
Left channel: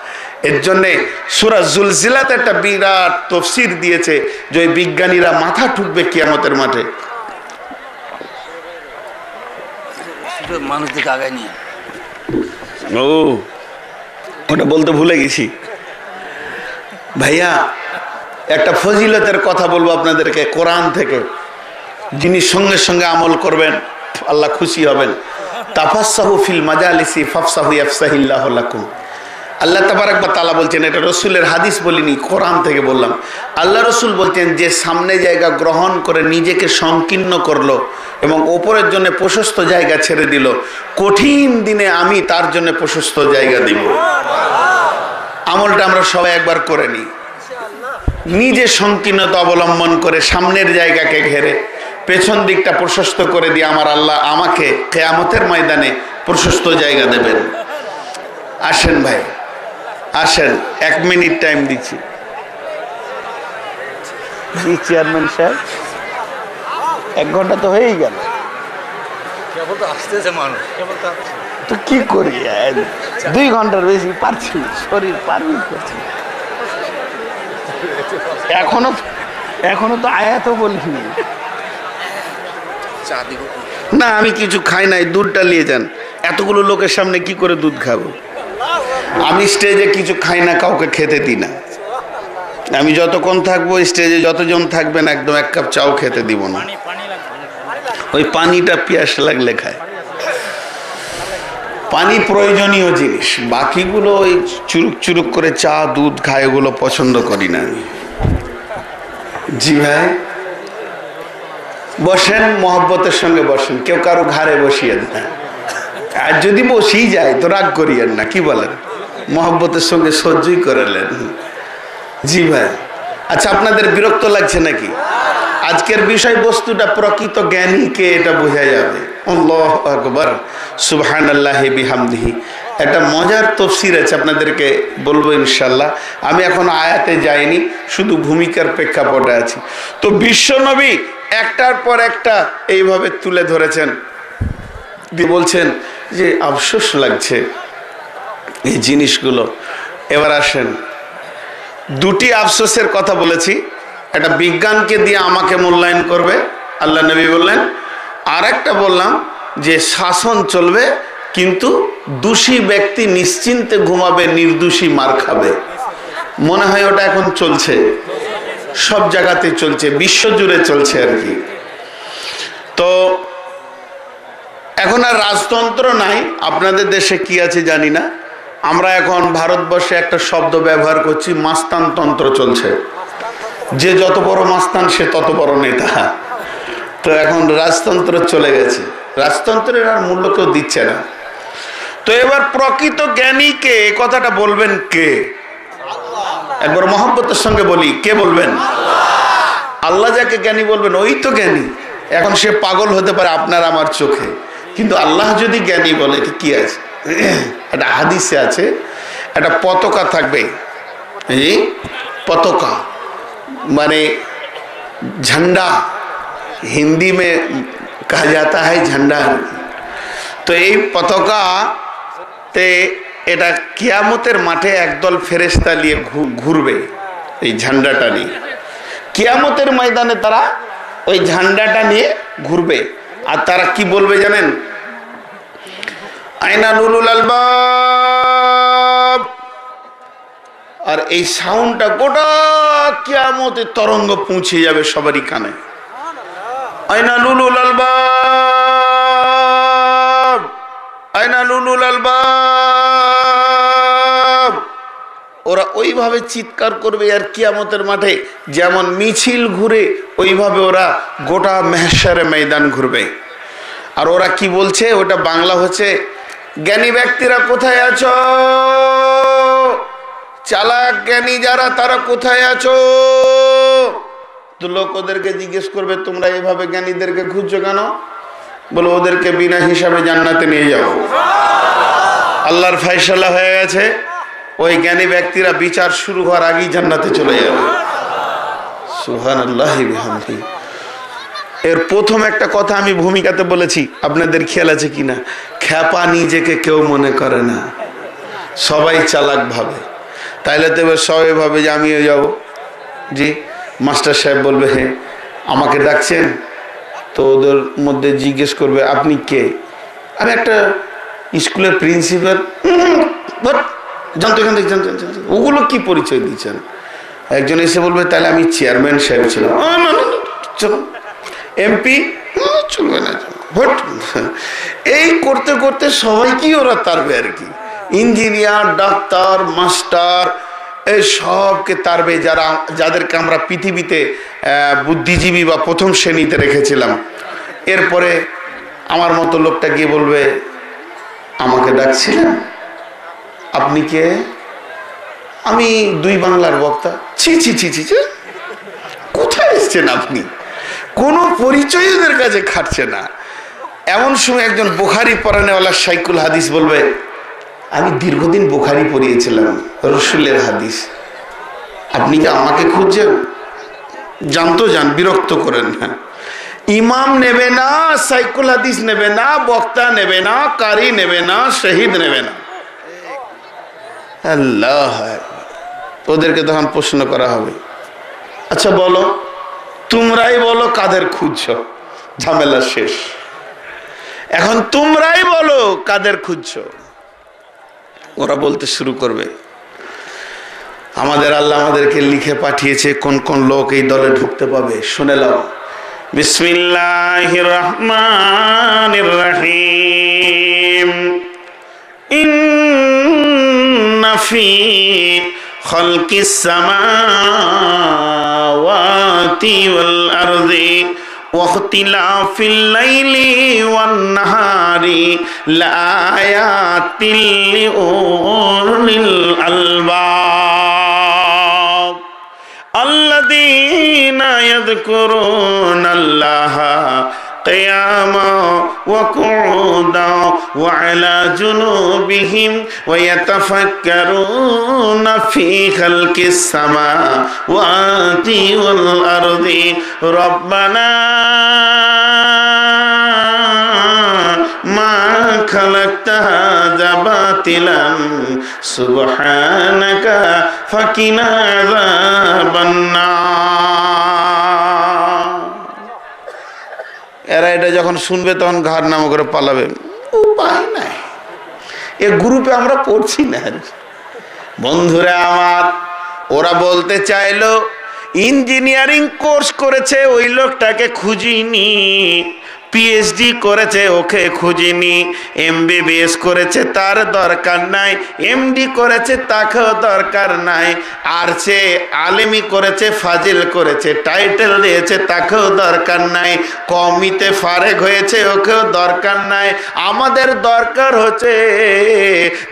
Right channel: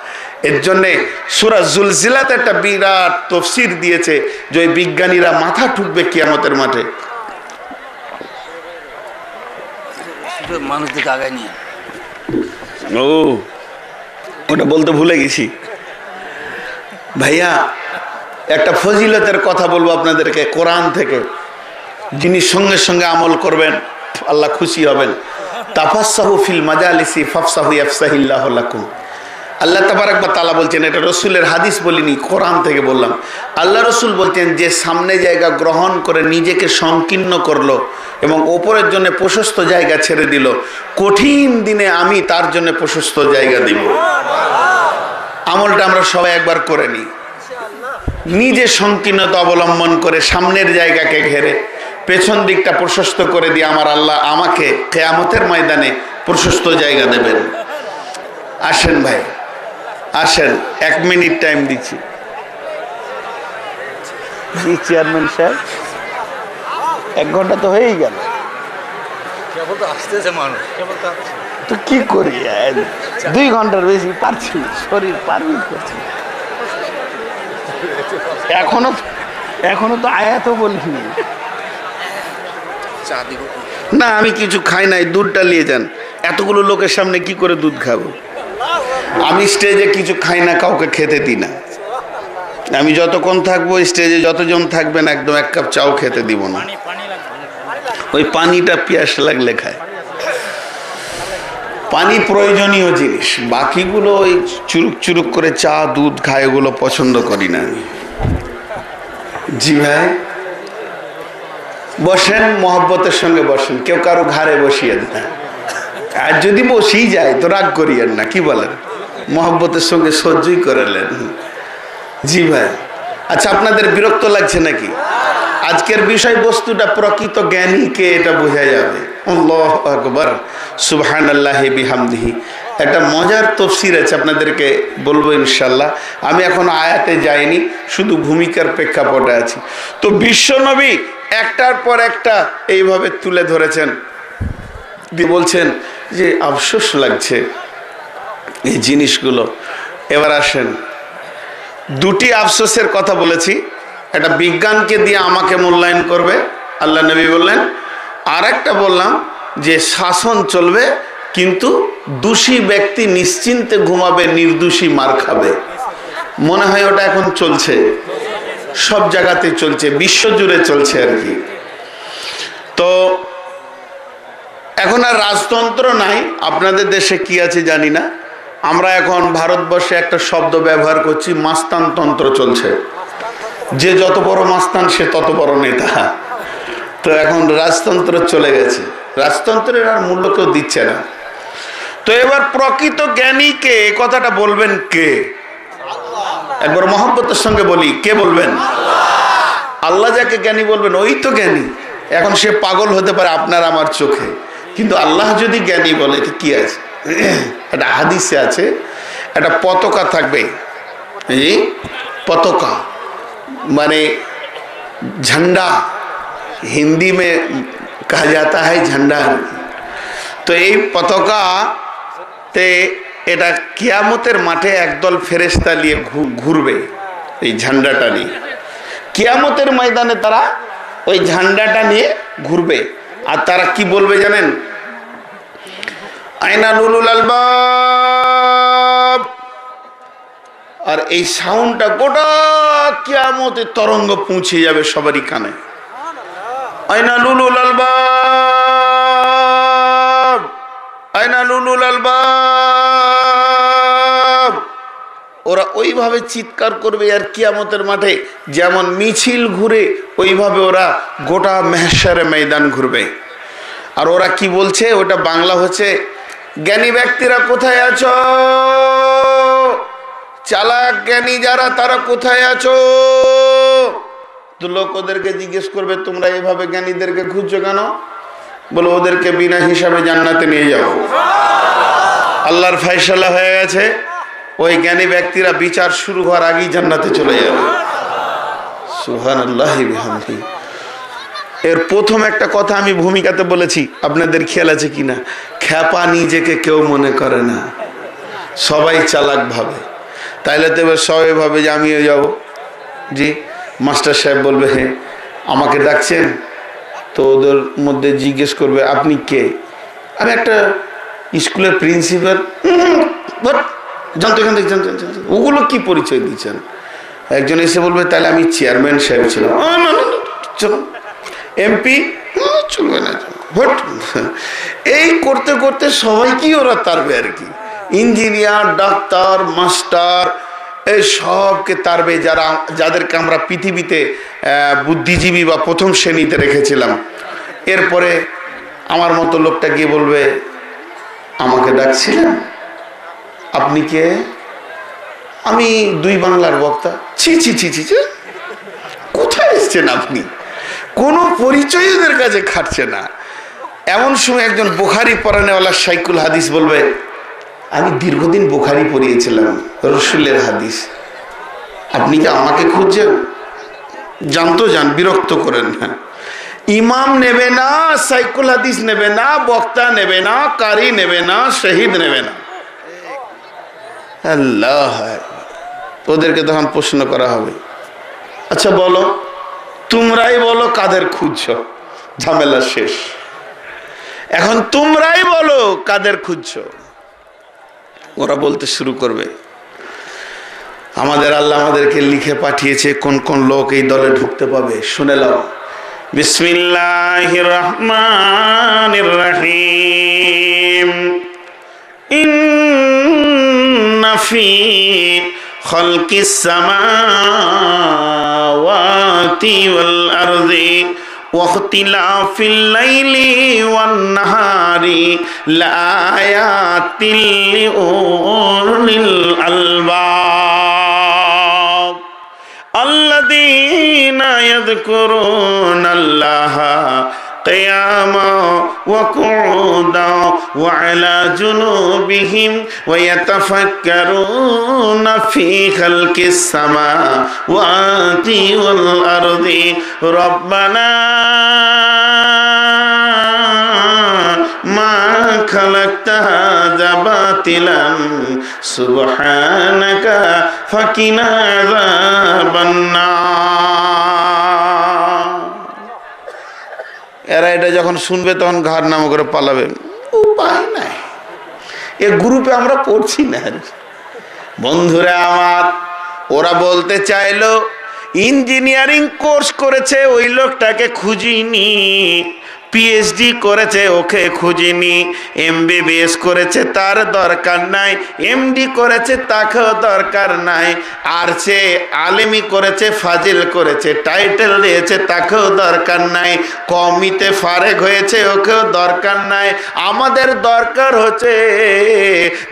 এর জন্যে সূরা জুলজিলাতে একটা বিরাট তাফসীর দিয়েছে যে ওই বিজ্ঞানীরা মাথা ঠুকবে কিয়ামতের মাঠে। মানুষদেরকে আগায় নিয়ে ওটা বলতে ভুলে গেছি ভাইয়া। একটা ফজিলতের কথা বলবো আপনাদেরকে কোরআন থেকে, যিনি সঙ্গে সঙ্গে আমল করবেন আল্লাহ খুশি হবেন। তাফাসসাহু ফিল মাজালিসি ফাফসাহু ইয়াফসাহিল্লাহু লাকুম। আল্লাহ তাবারক ওয়া তাআলা বলছেন, এটা রসুলের হাদিস বলিনি, কোরআন থেকে বললাম। আল্লাহ রসুল বলছেন, যে সামনে জায়গা গ্রহণ করে নিজেকে সংকীর্ণ করলো এবং ওপরের জন্য প্রশস্ত জায়গা ছেড়ে দিল, কঠিন দিনে আমি তার জন্য প্রশস্ত জায়গা দিব। আমলটা আমরা সবাই একবার করে নিই। নিজে সংকীর্ণতা অবলম্বন করে সামনের জায়গাকে ঘেরে পেছন দিকটা প্রশস্ত করে দিয়ে আমার আল্লাহ আমাকে কিয়ামতের ময়দানে প্রশস্ত জায়গা দেবেন। আসেন ভাই, আসেন, 1 মিনিট টাইম দিচ্ছি। জি চেয়ারম্যান সাহেব, 1 ঘন্টা তো হয়েই গেল, আসতেছে মানুষ, তো কি করি, 2 ঘন্টার বেশি পারছি, শরীর পারমিট করছি। এখনো তো আয়াতও বলিনি। না আমি কিছু খাই নাই, দুধটা নিয়ে যান। এতগুলো লোকের সামনে কি করে দুধ খাবো? আমি স্টেজে কিছু খাই না, কাউকে খেতে দিই না। আমি যতক্ষণ থাকবো স্টেজে যতজন থাকবেন একদম 1 কাপ চাও খেতে দিব না। ওই পানিটা পিয়াস লাগলে খায়। পানি প্রয়োজনীয় জিনিস, বাকিগুলো ওই চুরুক চুরুক করে চা দুধ খায়, ওগুলো পছন্দ করি না আমি। জি ভাই বসেন, মহব্বতের সঙ্গে বসেন, কেউ কারো ঘাড়ে বসিয়েন না। আর যদি বসেই যায় তো রাগ করিয়েন না, কি বলেন? মহব্বতের সঙ্গে সহ্যই করালেন। জি ভাই, আচ্ছা আপনাদের বিরক্ত লাগছে নাকি? আজকের বিষয়বস্তুটা প্রকৃত জ্ঞানীকে এটা বোঝা যাবে। আল্লাহু আকবার, সুবহানাল্লাহি বিহামদিহি। একটা মজার তাফসীর আছে, আপনাদেরকে বলবো ইনশাআল্লাহ। আমি এখন আয়াতে যাইনি, শুধু ভূমিকার প্রেক্ষাপটে আছি। তো বিশ্বনবী একটার পর একটা এইভাবে তুলে ধরেছেন, বলছেন যে আফসোস লাগছে এই জিনিসগুলো। এবার আসেন, 2টি আফসোসের কথা বলেছি। একটা বিজ্ঞানকে দিয়ে আমাকে মূল্যায়ন করবে, আল্লাহ নবী বললেন। আর একটা বললাম যে শাসন চলবে কিন্তু দোষী ব্যক্তি নিশ্চিন্তে ঘুমাবে, নির্দোষী মার খাবে। মনে হয় ওটা এখন চলছে, সব জায়গাতে চলছে, বিশ্বজুড়ে চলছে আর কি। তো এখন আর রাজতন্ত্র নাই। আপনাদের দেশে কি আছে জানি না, আমরা এখন ভারতবর্ষে একটা শব্দ ব্যবহার করছি, মাস্তানতন্ত্র চলছে। যে যত বড় মাস্তান সে তত বড় নেতা। তো এখন রাজতন্ত্র চলে গেছে, রাজতন্ত্রের আর মূল্য কেউ দিচ্ছে না। তো এবার প্রকৃত জ্ঞানীকে কথাটা বলবেন কে? একবার মহব্বতের সঙ্গে বলি, কে বলবেন? আল্লাহ যাকে জ্ঞানী বলবেন ওই তো জ্ঞানী। এখন সে পাগল হতে পারে আপনার আমার চোখে, কিন্তু আল্লাহ যদি জ্ঞানী বলে তো কি আছে? একটা হাদিসে আছে, একটা পতাকা থাকবে, पताका माने झंडा, हिंदी में कहा जाता है झंडा। तो ये पताका ते এটা কিয়ামতের মাঠে একদল ফেরেশতা নিয়ে ঘুরবে এই ঝান্ডাটা নিয়ে। কিয়ামতের ময়দানে তারা ওই ঝান্ডাটা নিয়ে ঘুরবে আর তারা কি বলবে জানেন? আইনা উলুল আলবাব। আর এই সাউন্ডটা গোটা কিয়ামতের তরঙ্গ পৌঁছে যাবে সবারই কানে। আইনা উলুল আলবাব, আইনা উলুল আলবাব। ওরা ওইভাবে চিৎকার করবে আর কিয়ামতের মাঠে যেমন মিছিল ঘুরে ওইভাবে ওরা গোটা মেহশারে ময়দান ঘুরবে। আর ওরা কি বলছে, ওটা বাংলা হচ্ছে, জ্ঞানী ব্যক্তিরা কোথায় আছো, চালাক জ্ঞানী যারা তারা কোথায় আছো। তো লোক ওদেরকে জিজ্ঞেস করবে তোমরা এইভাবে জ্ঞানীদেরকে খুঁজছো কেন? বলে ওদেরকে বিনা হিসাবে জান্নাতে নিয়ে যাও। আল্লাহর ফয়সালা হয়ে গেছে, ওই জ্ঞানী ব্যক্তিরা বিচার শুরু হওয়ার আগেই জান্নাতে চলে যাবে। সুবহানাল্লাহি বিহামদি। এর প্রথম একটা কথা আমি ভূমিকাতে বলেছি, আপনাদের খেয়াল আছে কিনা? খ্যাপা নিজেকে কেউ মনে করে না, সবাই চালাক ভাবে। তাইলে তো এবার সবাই ভাবে যে আমিও যাব। জি, মাস্টার সাহেব বলবে হ্যাঁ আমাকে ডাকছেন, তো ওদের মধ্যে জিজ্ঞেস করবে আপনি কে? আমি একটা স্কুলের প্রিন্সিপাল। জানতো এখান থেকে ওগুলো কি পরিচয় দিচ্ছেন? একজন এসে বলবে তাহলে আমি চেয়ারম্যান সাহেব ছিলাম। চলো এমপি, চলবে না, ভোট। এই করতে করতে সবাইকেই ওরা তারবে আর কি। ইঞ্জিনিয়ার, ডাক্তার, মাস্টার, এই সবকে তারবে যাদেরকে আমরা পৃথিবীতে বুদ্ধিজীবী বা প্রথম শ্রেণীতে রেখেছিলাম। এরপরে আমার মতো লোকটা গিয়ে বলবে আমাকে ডাকছিলেন, আপনি কে? আমি দুই বাংলার বক্তা। ছি ছি ছি ছি, কোথায় এসছেন আপনি? কোনো পরিচয় ওদের কাছে খাটছে না। এমন সময় একজন বুখারী পড়ানেওয়ালা শাইখুল হাদিস বলবে আমি দীর্ঘদিন বুখারী পড়িয়েছিলাম, রসুলের হাদিস, আপনি কি আমাকে খুঁজছেন? জানতো যান, বিরক্ত করেন না। ইমাম নেবে না, শাইখুল হাদিস নেবে না, বক্তা নেবে না, কারি নেবে না, শহীদ নেবে না। আল্লাহ, ওদেরকে তখন প্রশ্ন করা হবে, আচ্ছা বলো, তোমরাই বলো কাদের খুঁজছো? ঝামেলা শেষ। এখন তোমরাই বলো কাদের খুঁজছো। ওরা বলতে শুরু করবে আমাদের আল্লাহ আমাদেরকে লিখে পাঠিয়েছে কোন কোন লোক এই দলে ঢুকতে পাবে। শুনে নাও, বিসমিল্লাহির রহমানির রহিম। ইন্না ফি খালকিস সামাওয়াতি ওয়াল আরদি ওয়াখতিলাফিল লাইলি ওয়ান নাহারি লাআয়াতিল লিউলিল আলবাব আল্লাযীনা ইয়াযকুরুনাল্লাহা قياما وقعودا وعلى جنوبهم ويتفكرون في خلق السماوات والأرض ربنا ما خلقت هذا باطلا سبحانك فقنا عذاب النار। এরা এটা যখন শুনবে তখন ঘাড় নাম করে পালাবে, উপায় নাই, এ গ্রুপে আমরা পড়ছি না। বন্ধুরা আমার, ওরা বলতে চাইলো ইঞ্জিনিয়ারিং কোর্স করেছে ওই লোকটাকে খুঁজিনি, পিএইচডি করেছে ওকে খুঁজিনি, এমবিবিএস করেছে তার দরকার নাই, এমডি করেছে তাকেও দরকার নাই, আর সে আলেমি করেছে, ফাজিল করেছে, টাইটেল দিয়েছে তাকেও দরকার নাই, কমিতে ফারেক হয়েছে ওকেও দরকার নাই। আমাদের দরকার হচ্ছে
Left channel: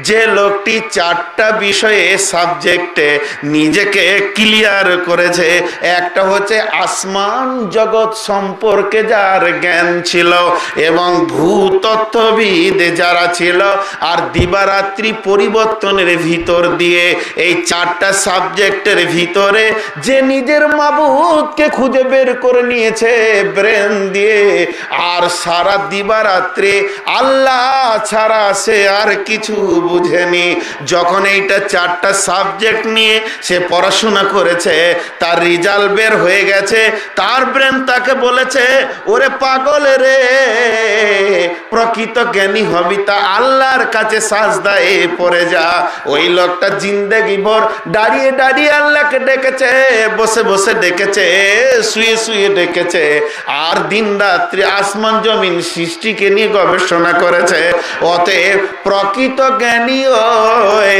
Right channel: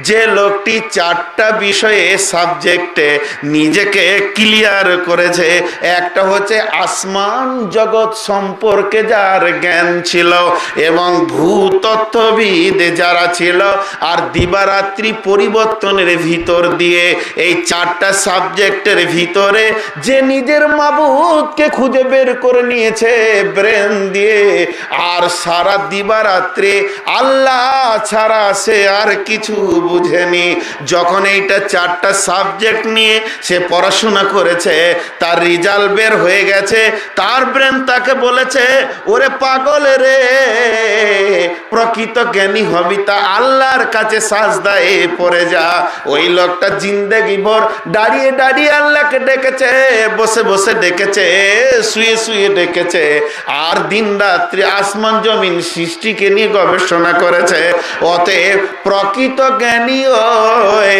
যে লোকটি 4টা বিষয়ে সাবজেক্টে নিজেকে ক্লিয়ার করেছে। একটা হচ্ছে আসমান জগৎ সম্পর্কে যার জ্ঞান ছিল এবং ভূতত্ত্ববিদ যারা ছিল, আর দিবারাত্রি পরিবর্তনের ভিতর দিয়ে এই 4টা সাবজেক্টের ভিতরে যে নিজের মাবুদকে খুঁজে বের করে নিয়েছে ব্রেন দিয়ে, আর সারা দিবারাত্রি আল্লাহ ছাড়া সে আর কিছু বুঝেনি। যখন এইটা 4টা সাবজেক্ট নিয়ে সে পড়াশোনা করেছে, তার রেজাল্ট বের হয়ে গেছে, তার ব্রেন তাকে বলেছে, ওরে পাগল রে, প্রকৃত জ্ঞানী হবি তা আল্লাহর কাছে সাজদায় পড়ে যা। ওই লোকটা জিন্দেগি ভর দাঁড়িয়ে দাঁড়িয়ে আল্লাহকে ডেকেছে, বসে বসে ডেকেছে, শুয়ে শুয়ে ডেকেছে, আর দিন রাত্রি আসমান জমিন সৃষ্টিকে নিয়ে গবেষণা করেছে। অতএব প্রকৃত জ্ঞানী ওই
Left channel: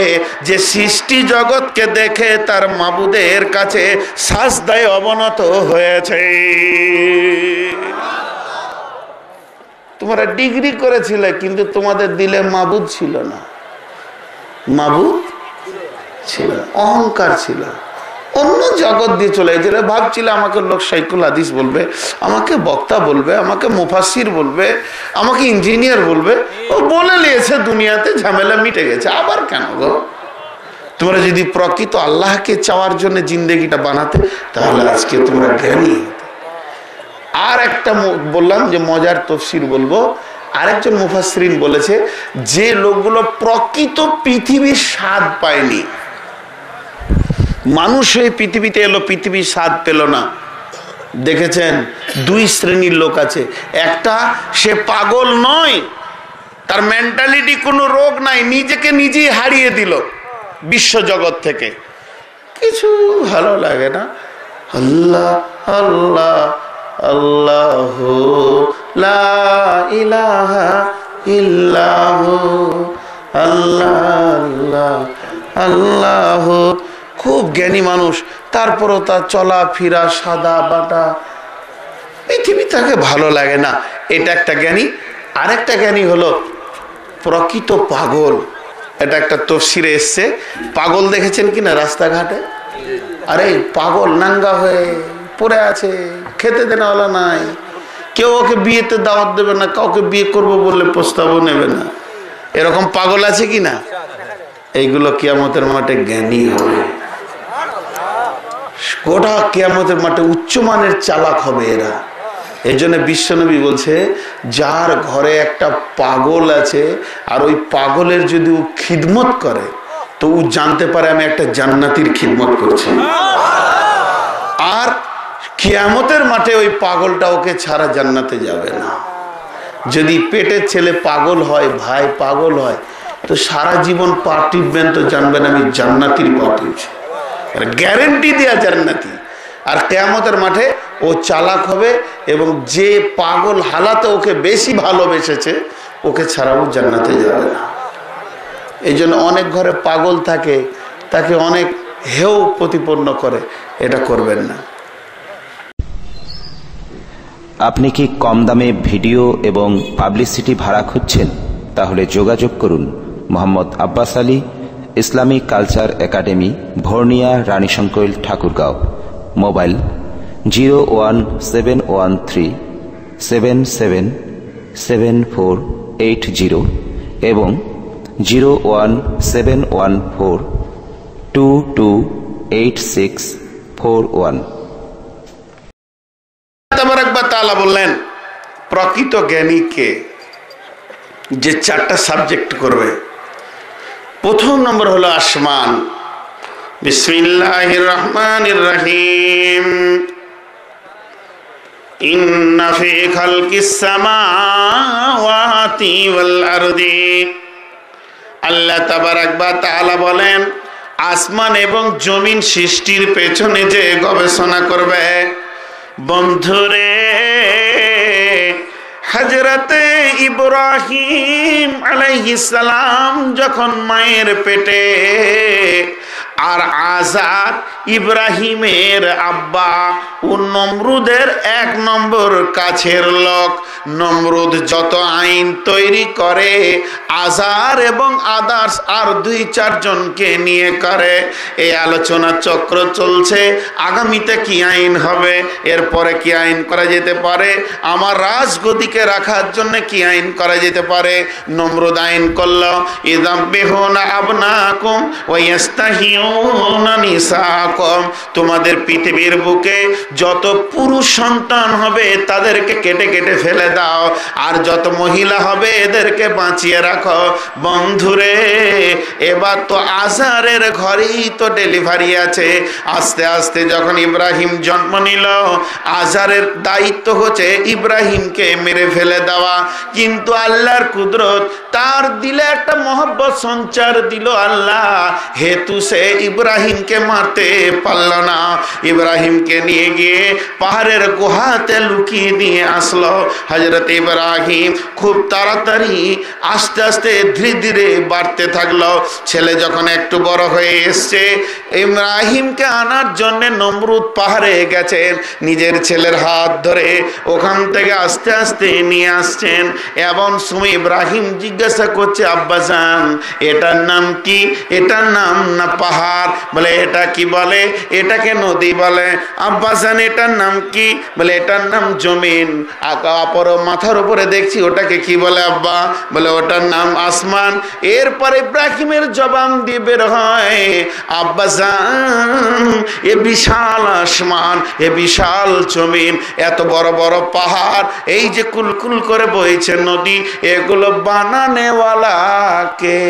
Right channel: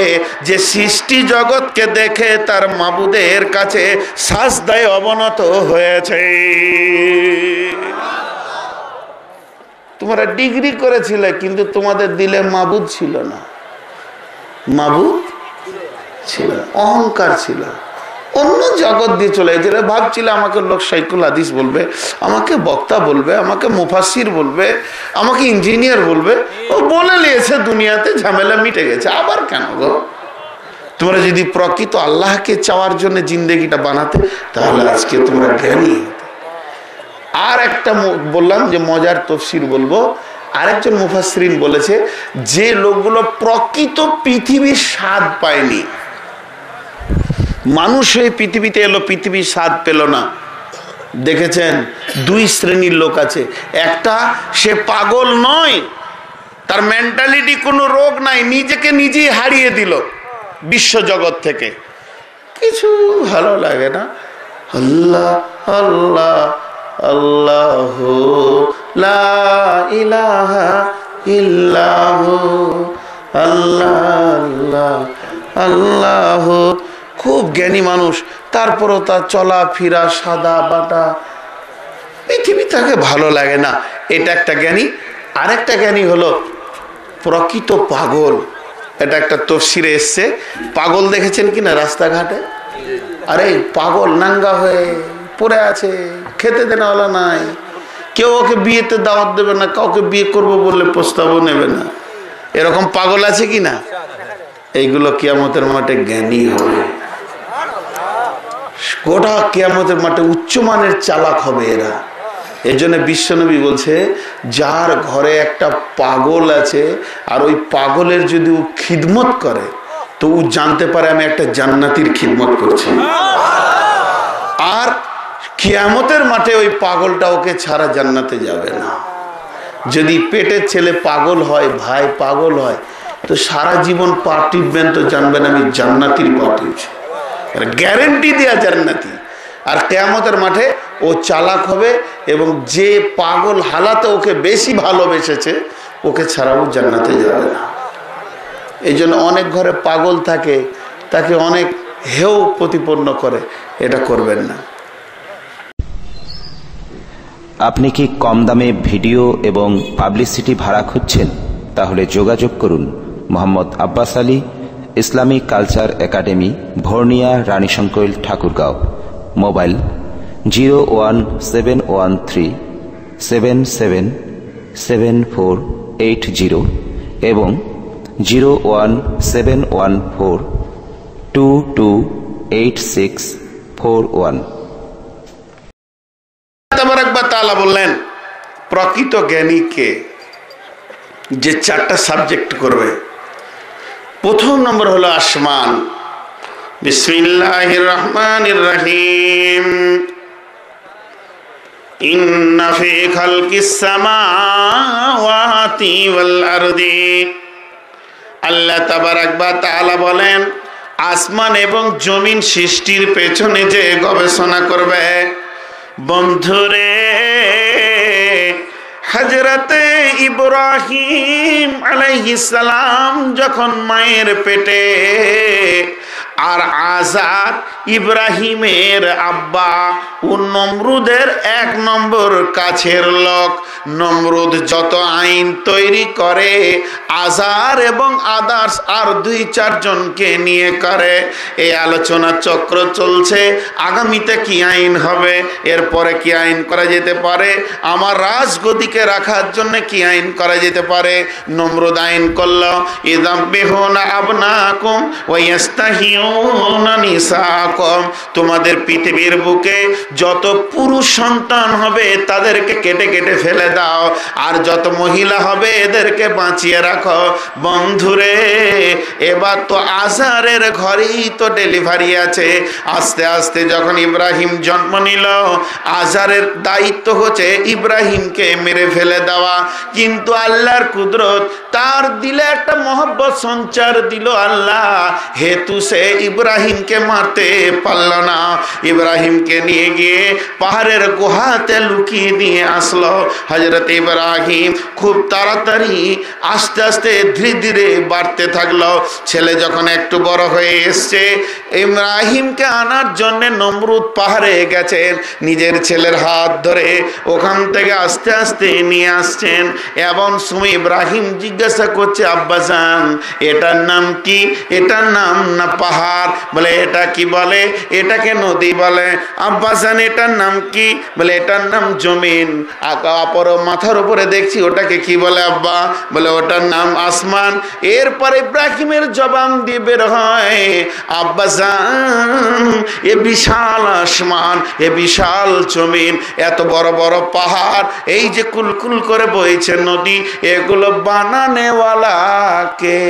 যে সৃষ্টি জগৎকে দেখে তার মাবুদের কাছে সাজদায় অবনত হয়েছে। তোমরা ডিগ্রি করেছিলে কিন্তু তোমাদের দিলে মাবুদ ছিল না, মাবুদ ছিল, অহংকার ছিল, অন্য জগৎ দিয়ে চলে গেছিল। ভাবছিল আমাকে লোক শাইখুল হাদিস বলবে, আমাকে বক্তা বলবে, আমাকে মুফাসসির বলবে, আমাকে ইঞ্জিনিয়ার বলবে। ও বলে নিয়েছে, দুনিয়াতে ঝামেলা মিটে গেছে, আবার কেন গো? তোমরা যদি প্রকৃত আল্লাহকে চাওয়ার জন্য জিন্দেগিটা বানাতে, তাহলে আজকে তোমরা জ্ঞানী হতে। আর একটা বললাম যে মজার তফসির বলবো, আরেকজন মুফাসসিরিন বলেছে যে লোকগুলো প্রকৃত পৃথিবীর স্বাদ পায়নি, মানুষ এই পৃথিবীতে এলো, পৃথিবীর স্বাদ পেল না। দেখেছেন 2 শ্রেণীর লোক আছে। একটা, সে পাগল নয়, তার মেন্টালিটি কোনো রোগ নাই, নিজেকে নিজেই হারিয়ে দিল বিশ্ব জগৎ থেকে, কিছু ভালো লাগে না, আল্লাহ আল্লাহ আল্লাহ লা ইলাহা ইল্লাহু আল্লাহ আল্লাহ আল্লাহ। খুব জ্ঞানী মানুষ, তারপরও তার চলা ফিরা সাদা বাটা, পৃথিবী তাকে ভালো লাগে না। এটা একটা জ্ঞানী। আরেকটা জ্ঞানী হলো প্রকৃত পাগল। এটা একটা তফসিরে এসছে। পাগল দেখেছেন কিনা রাস্তাঘাটে? আরে পাগল নাঙ্গা হয়ে পড়ে আছে, খেতে দেওয়ালা নাই, কেউ ওকে বিয়েতে দাওয়াত দেবে না, কাউকে বিয়ে করবো বললে প্রস্তাবও নেবে না, এরকম পাগল আছে কিনা? এইগুলো কিয়ামতের মাঠে জ্ঞানী হবে, গোটা কিয়ামতের মাঠে উচ্চমানের চালাক হবে এরা। এই জন্য বিশ্বনবী বলছে, যার ঘরে একটা পাগল আছে আর ওই পাগলের যদি ও খিদমত করে, তো ও জানতে পারে আমি একটা জান্নাতির খিদমত করছি। আর কিয়ামতের মাঠে ওই পাগলটা ওকে ছাড়া জান্নাতে যাবে না। যদি পেটের ছেলে পাগল হয়, ভাই পাগল হয়, তো সারা জীবন পা টিপবেন তো জানবেন আমি জান্নাতির পা টিপছি, গ্যারেন্টি দেয়া জান্নাতি। আর কিয়ামতের মাঠে ও চালাক হবে, এবং যে পাগল হালাতে ওকে বেশি ভালোবেসেছে, ওকে ছাড়াও জান্নাতে যাবে না। এই জন্য অনেক ঘরে পাগল থাকে, তাকে অনেক হেয় প্রতিপন্ন করে, এটা করবেন না। আপনি কি কম দামে ভিডিও এবং পাবলিসিটি ভাড়া খুঁজছেন? তাহলে যোগাযোগ করুন Mohammad Abbas Ali, Islamic culture academy, Bhorniya, Ranisankail, Thakurgaon. Mobile 01717777480 এবং 01714228641। তাআলা বললেন প্রকৃত জ্ঞানীকে যে 4টা সাবজেক্ট করবে। প্রথম নম্বর হলো আসমান। বিসমিল্লাহির রহমানির রহিম। ইন্না ফি খালকিস সামাওয়াতি ওয়াল আরদি। আল্লাহ তাবারাক ওয়া তাআলা বলেন, আসমান এবং জমিন সৃষ্টির পেছনে যে গবেষণা করবে, বন্ধুরে, হযরতে ইব্রাহিম আলাইহিস সালাম যখন মায়ের পেটে আর আজার ইব্রাহিমের আব্বা ও নমরুদের 1 নম্বর কাছের লোক। নমরুদ যত আইন তৈরি করে আজার এবং আদার্স আর 2-4 জনকে নিয়ে করে। এই আলোচনা চক্র চলছে, আগামীতে কি আইন হবে, এরপরে কি আইন করা যেতে পারে, আমার রাজগদিকে রাখার জন্য কি আইন করা যেতে পারে। নমরুদ আইন করলো, ইযাববিহুনা আবনাকুম ওয়া ইস্তাহিউনা নিসাকুম, তোমাদের পৃথিবীর বুকে যত পুরুষ সন্তান হবে তাদেরকে কেটে কেটে ফেলে দাও, আর যত মহিলা হবে এদেরকে বাঁচিয়ে রাখো। বন্ধুরে, এবার তো আজারের ঘরেই তো ডেলিভারি আছে। আস্তে আস্তে যখন ইব্রাহিম জন্ম নিল, আজারের দায়িত্ব হচ্ছে ইব্রাহিমকে মেরে ফেলে দেওয়া, কিন্তু আল্লাহর কুদরত, তার দিলে একটা মহব্বত সঞ্চার দিল আল্লাহ, হেতু সে ইব্রাহিমকে মারতে পারল না। ইব্রাহিমকে নিয়ে গিয়ে পাহাড়ের গুহাতে লুকিয়ে দিয়ে আসলো। হযরত ইব্রাহিম খুব তাড়াতাড়ি আস্তে আস্তে ধীরে ধীরে বাড়তে থাকলো। ছেলে যখন একটু বড় হয়ে এসছে, ইব্রাহিমকে আনার জন্য নমরুদ পাহাড়ে গেছেন, নিজের ছেলের হাত ধরে ওখান থেকে আস্তে আস্তে নিয়ে আসছেন। এবং সময় ইব্রাহিম জিজ্ঞাসা করছে, আব্বাজান এটার নাম কি? এটার নাম না পাহাড়? বলে এটা কি বলে? এটাকে নদী বলে। আব্বাজান এটার নাম কি? বলে এটার নাম জমিন। অপর মাথার উপরে দেখছি, ওটাকে কি বলে আব্বা? বলে ওটার নাম আসমান। এরপর ইব্রাহিমের জবান দিয়ে বের হয়, আব্বাজান এ বিশাল আসমান, এ বিশাল জমিন, এত বড় বড় পাহাড়, এই যে কুলকুল করে বইছে নদী, এগুলো বানানেওয়ালা কে?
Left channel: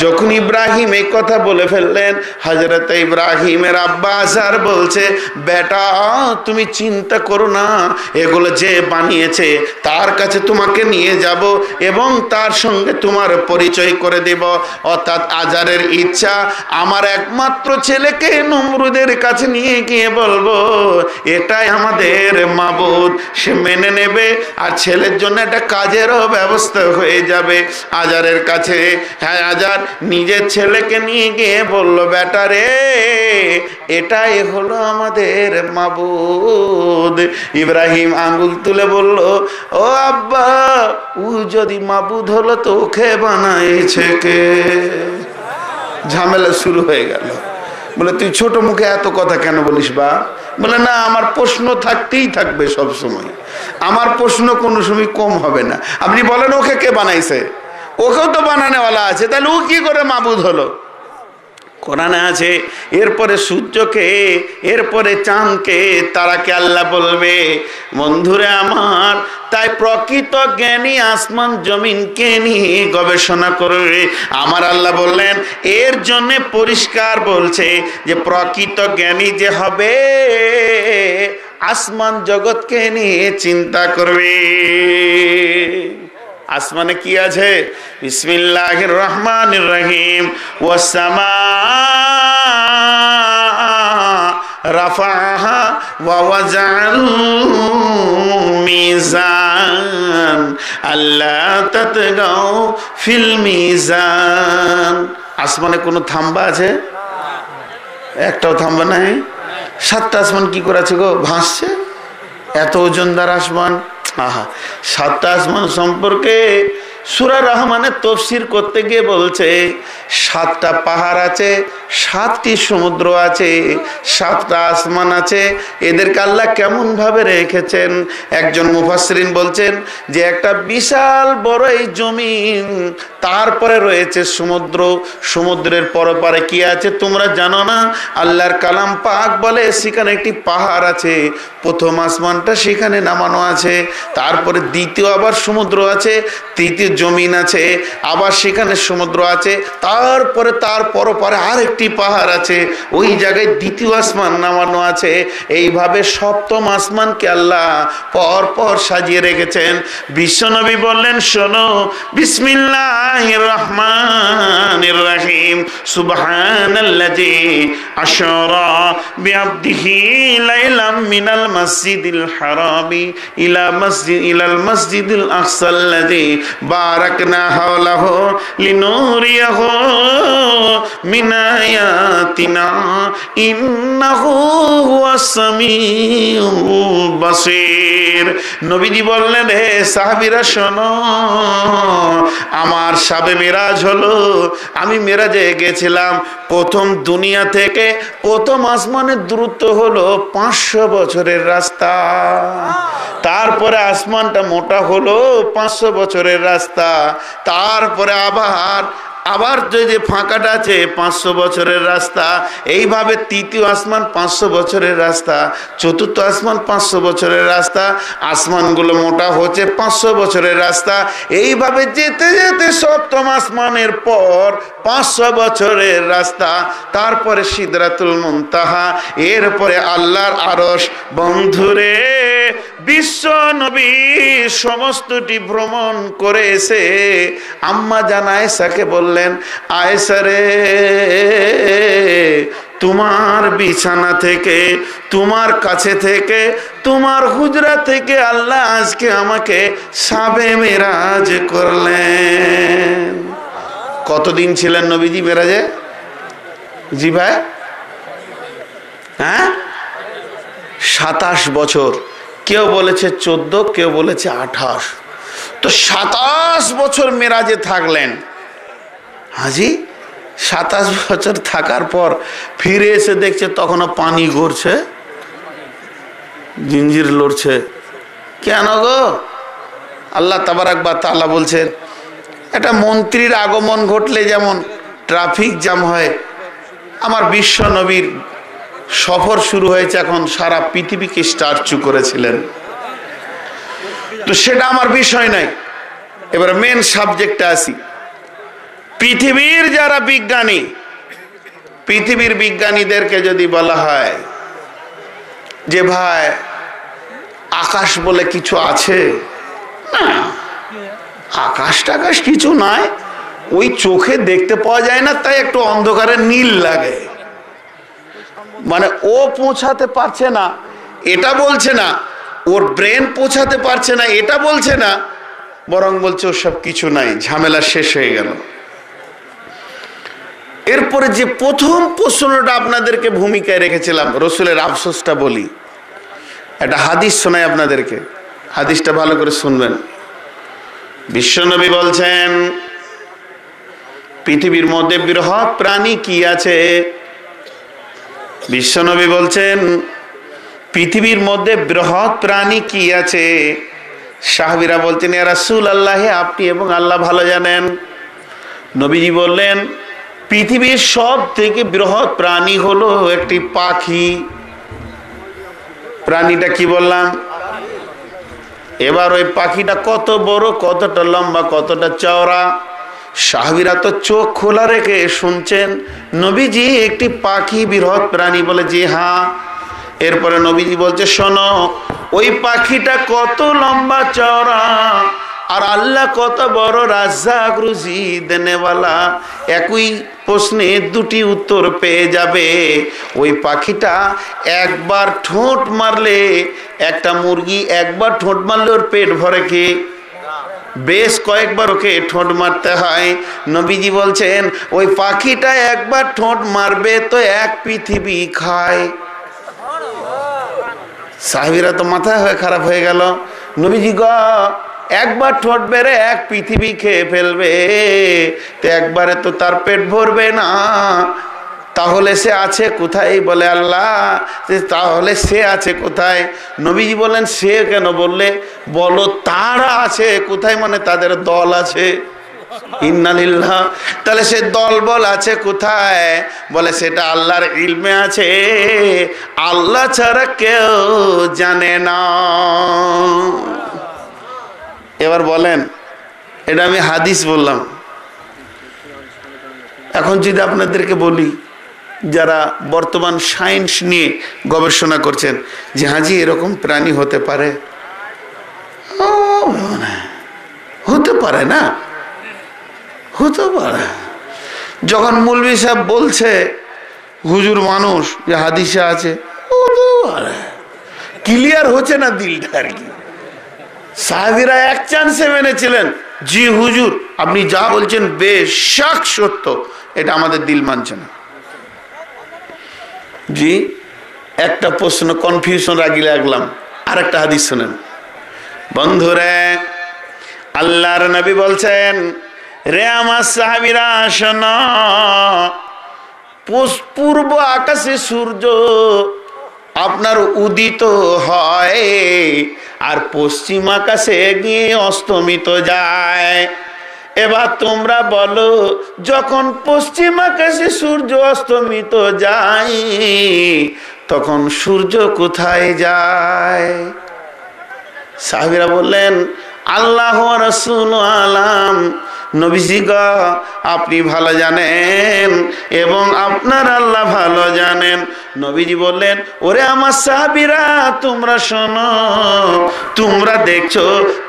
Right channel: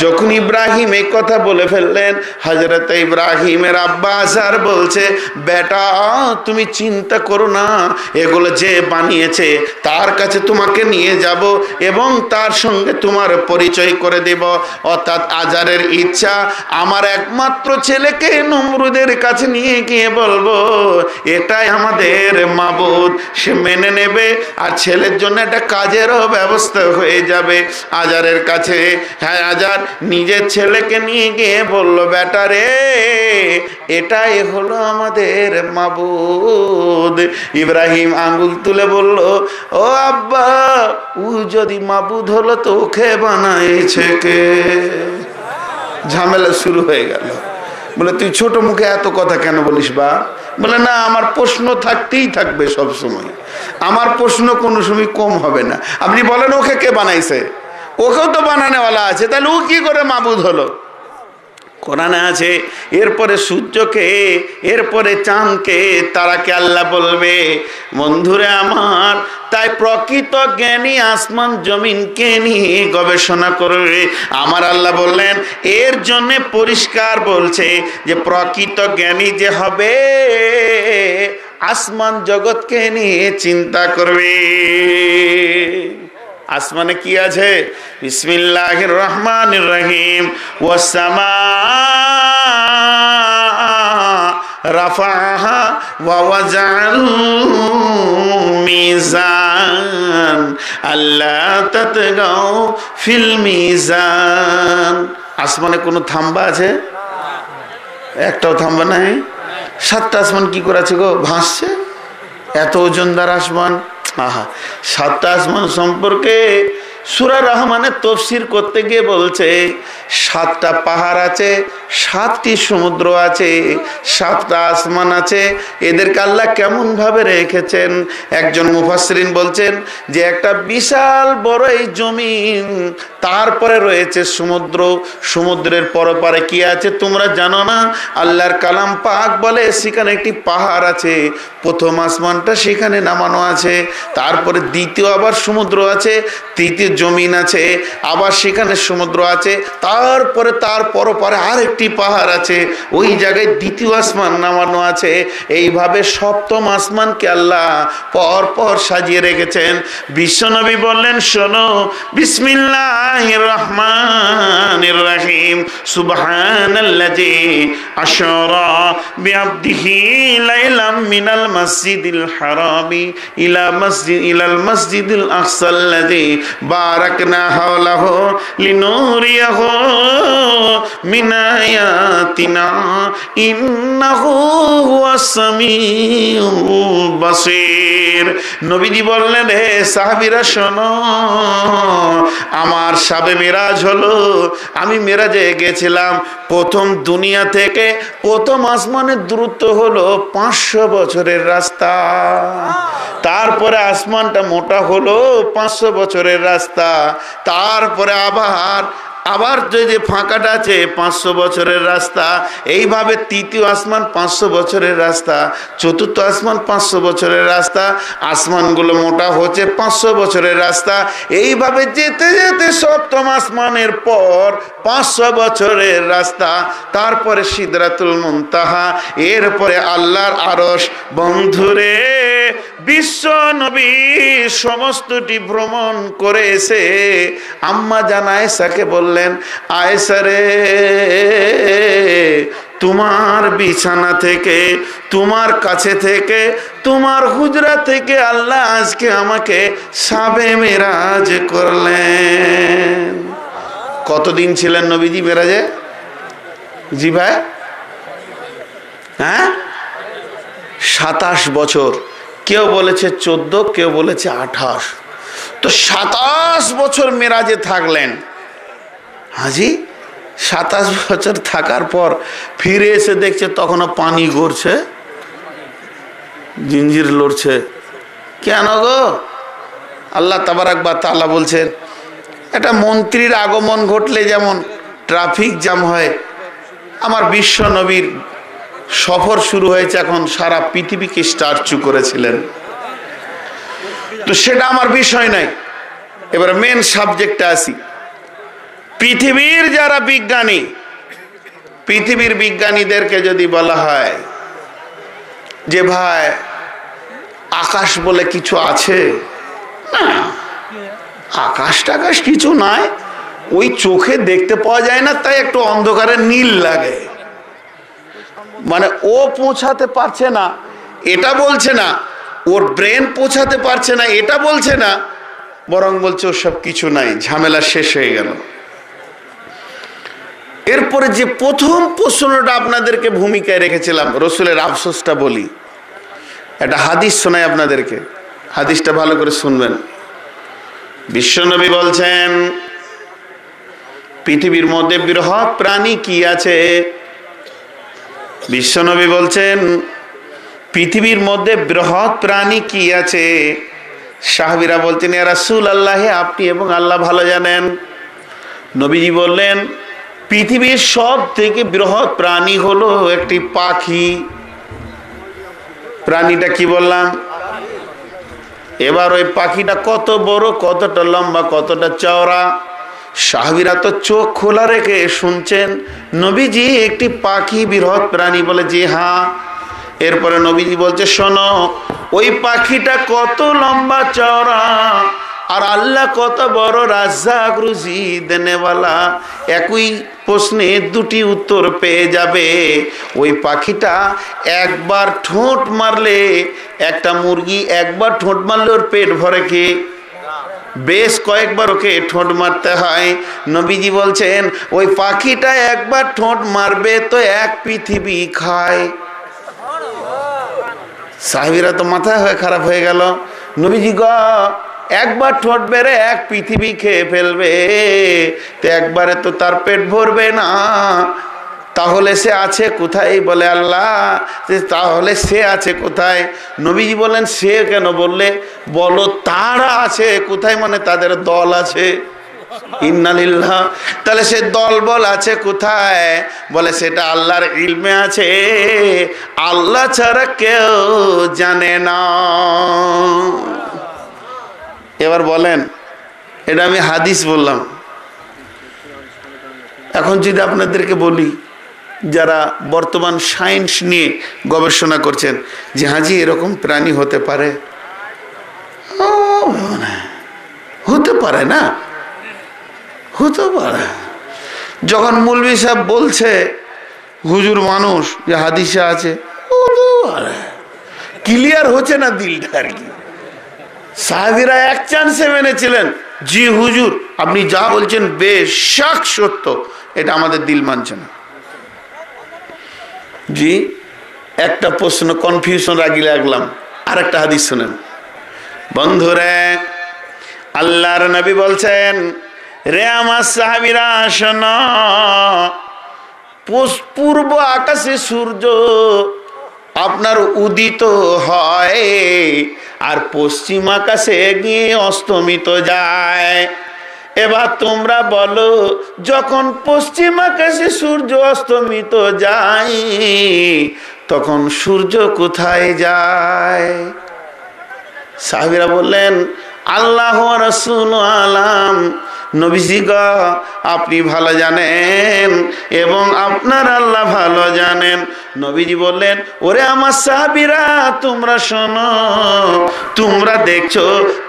যখন ইব্রাহিম এই কথা বলে ফেললেন, হযরত ইব্রাহিমের আব্বা আজার বলছে, বেটা তুমি চিন্তা করো না, এগুলো যে বানিয়েছে তার কাছে তোমাকে নিয়ে যাব এবং তার সঙ্গে তোমার পরিচয় করে দেব। অর্থাৎ আজারের ইচ্ছা, আমার একমাত্র ছেলেকে নমরুদের কাছে নিয়ে গিয়ে বলবো এটাই আমাদের মাবুদ, সে মেনে নেবে, আর ছেলের জন্য একটা কাজেরও ব্যবস্থা হয়ে যাবে। আজারের কাছে, হ্যাঁ আজার নিজের ছেলেকে নিয়ে গিয়ে বলল, বেটা রে এটাই হলো আমাদের মাবুদ। ইব্রাহিম আঙ্গুল তুলে বলল, ও আব্বা, ও যদি মাবুদ হলো তো ওকে বানাইছে কে? ঝামেলা শুরু হয়ে গেল। বলে তুই ছোট মুখে এত কথা কেন বলিস বা? বলে না, আমার প্রশ্ন থাকতেই থাকবে সব সময়, আমার প্রশ্ন কোনো সময় কম হবে না। আপনি বলেন ওকে কে বানাইছে? ওকেও তো বানানেওয়ালা আছে, তাহলে ও কি করে মাবুদ হলো? কোরআনে আছে, এরপরে সূর্যকে, এরপরে চাঁদকে, তারাকে আল্লাহ বলবে। বন্ধুরে আমার, তাই প্রকৃত জ্ঞানী আসমান জমিনকে নিয়ে গবেষণা করবে। আমার আল্লাহ বললেন, এর জন্য পরিষ্কার বলছে যে প্রকৃত জ্ঞানী যে হবে আসমান জগৎকে নিয়ে চিন্তা করবে। আসমানে কি আছে? বিসমিল্লাহির রহমানির রহিম। ওয়াসসামা রাফাহা ওয়া ওয়াজাল মিজান আল্লা তাতগাও ফিল মিজান। আসমানে কোনো থাম্বা আছে? একটাও থাম্বা নাই। 7টা আসমান কি করে আছে গো? ভাসছে। এত ওজনদার আসমান। আহা, 7টা আসমান সম্পর্কে সূরা রহমানের তাফসীর করতে গিয়ে বলছে 7টা পাহাড় আছে, 7টি সমুদ্র আছে, 7টা আসমান আছে। এদেরকে আল্লাহ কেমন ভাবে রেখেছেন? একজন মুফাসসিরিন বলছেন যে একটা বিশাল বড় এই জমিন, তারপরে রয়েছে সমুদ্র, সমুদ্রের পরপারে কি আছে তোমরা জানো না? আল্লাহর কালাম পাক বলে সেখানে একটি পাহাড় আছে, প্রথম আসমানটা সেখানে নামানো আছে, তারপরে দ্বিতীয় আবার সমুদ্র আছে, তৃতীয় জমিন আছে, আবার সেখানে সমুদ্র আছে, তারপরে তার পরপারে আরেকটি পাহাড় আছে, ওই জায়গায় দ্বিতীয় আসমান নামানো আছে। এইভাবে সপ্তম আসমানকে আল্লাহ পর পর সাজিয়ে রেখেছেন। বিশ্বনবী বললেন, শোনো, বিসমিল্লাহ বিসমিল্লাহির রহমানির রহিম সুবহানাল্লাযী আশরা বিআবদিহি লাইলাম মিনাল মাসজিদিল হারামি ইলাল মাসজিদিল আকসাল্লাযী বারাকনা হাওলাহু লিনুরিয়াহু মিন আয়াতিনা ইন্নাহু হুয়াস সামিউল বাসীর। নবীজি বললেন, হে সাহাবীরা শোনো, আমার শাবে মেরাজ হলো, আমি মেরাজে গেছিলাম। প্রথম দুনিয়া থেকে প্রথম আসমানের দূরত্ব হলো 500 বছরের রাস্তা। তারপরে আসমানটা মোটা হলো 500 বছরের রাস্তা। তারপরে আবার যে ফাঁকাটা আছে 500 বছরের রাস্তা। এইভাবে তৃতীয় আসমান 500 বছরের রাস্তা, চতুর্থ আসমান 500 বছরের রাস্তা, আসমানগুলো মোটা হচ্ছে 500 বছরের রাস্তা। এইভাবে যেতে যেতে সপ্তম আসমানের পর 500 বছরের রাস্তা, তারপরে সিদরাতুল মুনতাহা, এরপরে আল্লাহর আরশ। বন্ধুরে, বিশ্ব নবী সমস্তটি ভ্রমণ করে এসে আম্মা জান আয়েশাকে বললেন, আয়েশা রে, তোমার বিছানা থেকে, তোমার কাছে থেকে, তোমার হুজরা থেকে আল্লাহ আজকে আমাকে শাবে মেরাজ করলেন। কতদিন ছিলেন নবীজি মেরাজে? জি ভাই, হ্যাঁ, 27 বছর। কেউ বলেছে 14, কেউ বলেছে 28। তো 27 বছর মেরাজে থাকলেন। হাজি 27 বছর থাকার পর ফিরে এসে দেখছে তখনও পানি গড়ছে, জিঞ্জির লড়ছে। কেন গো? আল্লাহ তাবারাক ওয়া তাআলা বলছেন, একটা মন্ত্রীর আগমন ঘটলে যেমন ট্রাফিক জ্যাম হয়, আমার বিশ্ব নবীর সফর শুরু হয়েছে, এখন সারা পৃথিবীকে স্টার্চু করেছিলেন। তো সেটা আমার বিষয় নাই। এবার মেন সাবজেক্টে আসি। পৃথিবীর যারা বিজ্ঞানী, পৃথিবীর বিজ্ঞানীদেরকে যদি বলা হয় যে ভাই আকাশ বলে কিছু আছে, না, আকাশ টাকাশ কিছু নয়, ওই চোখে দেখতে পাওয়া যায় না, তাই একটু অন্ধকারে নীল লাগে। মানে ও পৌঁছাতে পারছে না এটা বলছে না, ওর ব্রেন পৌঁছাতে পারছে না এটা বলছে না, বরং বলছে ওসব কিছু নাই, ঝামেলা শেষ হয়ে গেল। এরপরে যে প্রথম প্রশ্নটা আপনাদেরকে ভূমিকায় রেখেছিলাম, রসুলের আফসোসটা বলি, একটা হাদিস শোনাই আপনাদেরকে, হাদিসটা ভালো করে শুনবেন। বিশ্বনবী বলছেন, পৃথিবীর মধ্যে বৃহৎ প্রাণী কি আছে? বিশ্বনবী বলছেন, পৃথিবীর মধ্যে বৃহৎ প্রাণী কি আছে? সাহাবীরা বলছেন, ইয়া রাসূলুল্লাহ, আপনি এবং আল্লাহ ভালো জানেন। নবীজি বললেন, পৃথিবীর সব থেকে বৃহৎ প্রাণী হলো একটি পাখি। প্রাণীটা কি বললাম? এবার ওই পাখিটা কত বড়, কতটা লম্বা, কতটা চওড়া? সাহাবীরা তো চোখ খোলা রেখে শুনছেন, নবীজি একটি পাখি বৃহৎ প্রাণী বলে, জি হ্যাঁ। এরপরে নবীজি বলছে, শোনো, ওই পাখিটা কত লম্বা চওড়া, আর আল্লাহ কত বড় রাজ্জাক, রুজি দেনেওয়ালা। একই প্রশ্নে দুটি উত্তর পেয়ে যাবে। ওই পাখিটা একবার ঠোঁট মারলে, একটা মুরগি একবার ঠোঁট মারলে ওর পেট ভরে কি? বেশ কয়েকবার ওকে ঠোঁট মারতে হয়। নবীজি বলছেন, ওই পাখিটা একবার ঠোঁট মারবে তো এক পৃথিবী খায়। সাহাবীরা তো মাথা খারাপ হয়ে গেল। নবীজি গো, একবার ঠোঁট বেড়ে এক পৃথিবী খেয়ে ফেলবে, তো একবারে তো তার পেট ভরবে না, তাহলে সে আছে কোথায়? বলে আল্লাহ, তাহলে সে আছে কোথায়? নবীজি বলেন, সে কেন বললে? বলো তারা আছে কোথায়, মানে তাদের দল আছে। ইন্নালিল্লাহ। তাহলে সে দল বল আছে কোথায়? বলে সেটা আল্লাহর ইলমে আছে, আল্লাহ ছাড়া কেউ জানে না। এবার বলেন, এটা আমি হাদিস বললাম। এখন যদি আপনাদেরকে বলি, যারা বর্তমান সায়েন্স নিয়ে গবেষণা করছেন, যে হাজি এরকম প্রাণী হতে পারে, হতে পারে না, হতে পারে। যখন মৌলভী সাহেব বলছে হুজুর মানুষ যে হাদিসে আছে, ক্লিয়ার হচ্ছে না দিলটা আর কি। সাহাবীরা এক চান্সে মেনেছিলেন, জি হুজুর আপনি যা বলছেন বেশক সত্য, এটা আমাদের দিল মানছে না। জি একটা প্রশ্ন কনফিউশন রাখলাম, আর একটা হাদিস শুনেন বন্ধুরে। আল্লাহর নবী বলছেন, রে আমার সাহাবীরা শোনো, পূর্ব আকাশে সূর্য আপনার উদিত হয় আর পশ্চিম আকাশে গিয়ে অস্তমিত যায়। এবার তোমরা বলো, যখন পশ্চিম আকাশে সূর্য অস্তমিত যায় তখন সূর্য কোথায় যায়? সাহাবীরা বললেন, আল্লাহ ওয়া রাসূল আলাম, নবীজি গো আপনি ভালো জানেন এবং আপনার আল্লাহ ভালো জানেন। নবীজি বললেন, ওরে আমার সাহাবীরা তোমরা শোনো, তোমরা দেখছো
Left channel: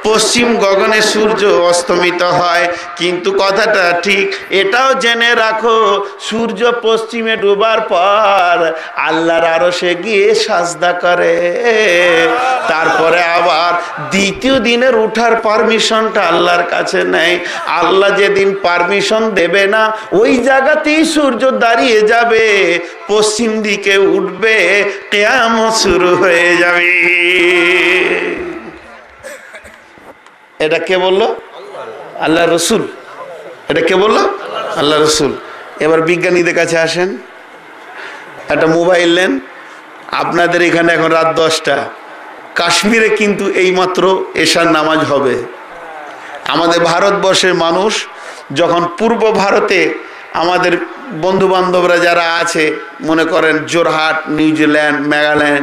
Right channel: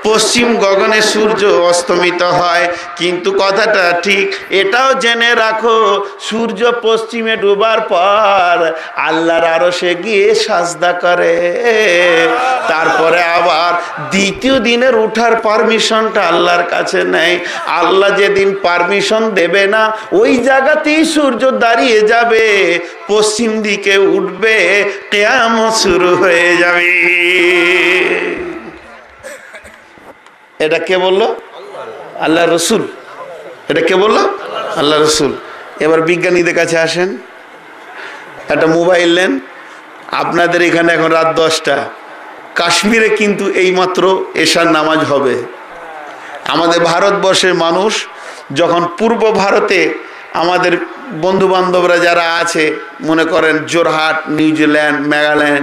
পশ্চিম গগনে সূর্য অস্তমিত হয়, কিন্তু কথাটা ঠিক এটাও জেনে রাখো, সূর্য পশ্চিমে ডুবার পর আল্লাহর আরশে গিয়ে সাজদা করে, তারপরে আবার দ্বিতীয় দিনের উঠার পারমিশনটা আল্লাহর কাছে নেয়। আল্লাহ যেদিন পারমিশন দেবে না ওই জায়গাতেই সূর্য দাঁড়িয়ে যাবে, পশ্চিম দিকে উঠবে, কিয়ামত শুরু হয়ে যাবে। এটা কে বললো? আল্লাহ রসুল। এটা কে বললো? আল্লাহ রসুল। এবার বিজ্ঞানীদের কাছে আসেন, একটা মোবাইল নেন, আপনাদের এখানে এখন রাত 10টা, কাশ্মীরে কিন্তু এইমাত্র এশার নামাজ হবে। আমাদের ভারতবর্ষের মানুষ যখন পূর্ব ভারতে আমাদের বন্ধু বান্ধবরা যারা আছে, মনে করেন জোরহাট, নিউজিল্যান্ড, মেঘালয়,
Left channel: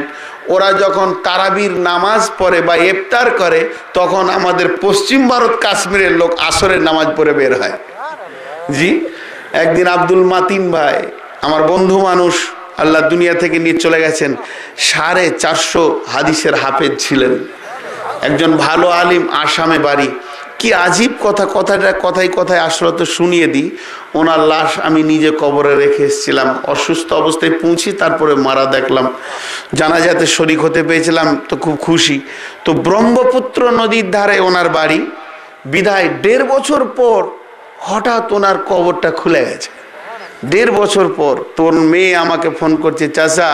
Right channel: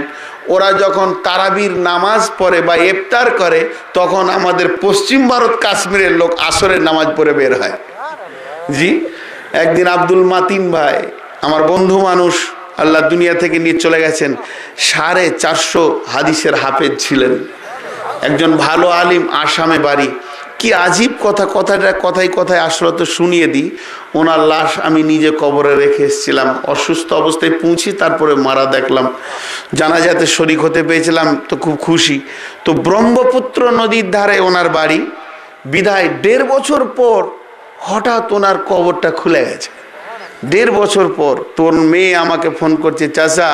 ওরা যখন তারাবির নামাজ পড়ে বা ইফতার করে তখন আমাদের পশ্চিম ভারত কাশ্মীরের লোক আসরের নামাজ পড়ে বের হয়। জি একদিন আব্দুল মাতিন ভাই আমার বন্ধু মানুষ, আল্লাহ দুনিয়া থেকে নিয়ে চলে গেছেন, 450 হাদিসের হাফেজ ছিলেন, একজন ভালো আলিম, আসামে বাড়ি। কি আজীব কথা, কথায় কথায় আসলে তো শুনিয়ে দিই। ওনার লাশ আমি নিজে কবরে রেখে এসেছিলাম, অসুস্থ অবস্থায় পৌঁছি, তারপরে মারা দেখলাম, জানাজাতে শরীক হতে পেরেছিলাম, তো খুব খুশি। তো ব্রহ্মপুত্র নদীর ধারে ওনার বাড়ি, বিদায় 1.5 বছর পর হঠাৎ ওনার কবরটা খুলে গেছে। 1.5 বছর পর তোর মেয়ে আমাকে ফোন করছে, চাচা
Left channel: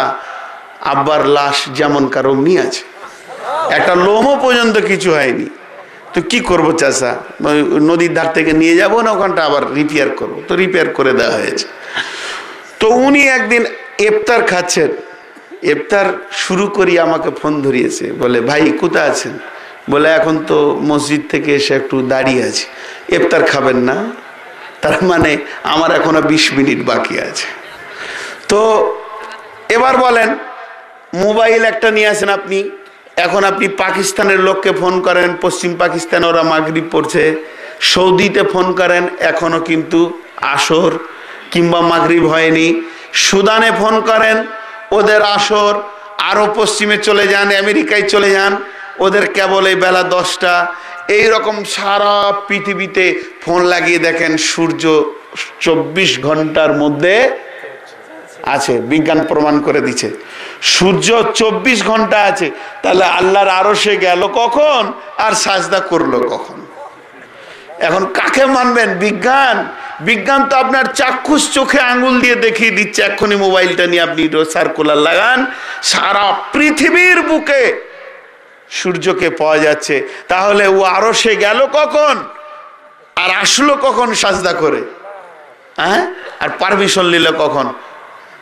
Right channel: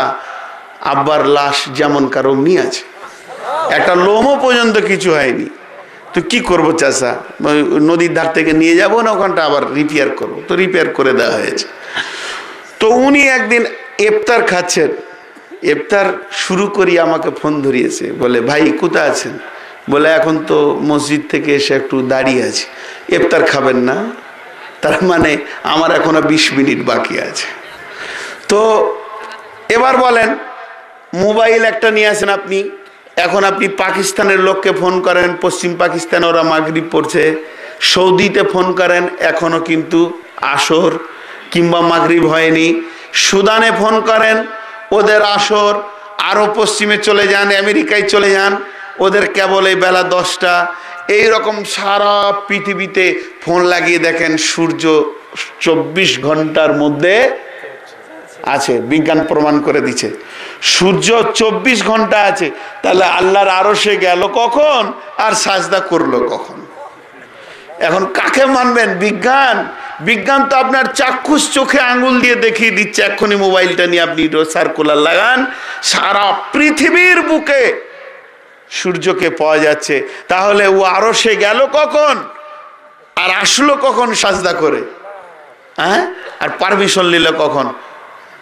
আব্বার লাশ যেমন কারো নিয়ে আছে, একটা লোমও পর্যন্ত কিছু হয়নি, তো কি করবো চাচা, নদীর ধার থেকে নিয়ে যাবো না ওখানটা আবার রিপেয়ার করবো? তো রিপেয়ার করে দেওয়া হয়েছে। তো উনি একদিন ইফতার খাচ্ছেন, ইফতার শুরু করি আমাকে ফোন ধরিয়েছে, বলে ভাই কোথায় আছেন? বলে এখন তো মসজিদ থেকে এসে একটু দাঁড়িয়ে আছি। ইফতার খাবেন না? তার মানে আমার এখনো 20 মিনিট বাকি আছে। তো এবার বলেন, মোবাইল একটা নিয়ে আসেন আপনি, এখন আপনি পাকিস্তানের লোককে ফোন করেন, পশ্চিম পাকিস্তানে ওরা মাগরিব পড়ছে, সৌদিতে ফোন করেন এখনো কিন্তু আসর কিংবা মাগরিব হয়নি, সুদানে ফোন করেন ওদের আসর, আরো পশ্চিমে চলে যান, আমেরিকায় চলে যান, ওদের কেবল এই বেলা 10টা। এইরকম সারা পৃথিবীতে ফোন লাগিয়ে দেখেন সূর্য 24 ঘন্টার মধ্যে আছে, বিজ্ঞান প্রমাণ করে দিচ্ছে সূর্য 24 ঘন্টা আছে। তাহলে আল্লাহর আরশে গেল কখন আর সাজদা করলো কখন? এখন কাকে মানবেন? বিজ্ঞান? বিজ্ঞান তো আপনার চাক্ষুষ চোখে আঙ্গুল দিয়ে দেখিয়ে দিচ্ছে। এক্ষুনি মোবাইলটা নিয়ে আপনি সার্কুলার লাগান, সারা পৃথিবীর বুকে সূর্যকে পাওয়া যাচ্ছে। তাহলে ও আরশে গেল কখন আর আসলো কখন সাজদা করে? হ্যাঁ, আর পারমিশন নিল কখন?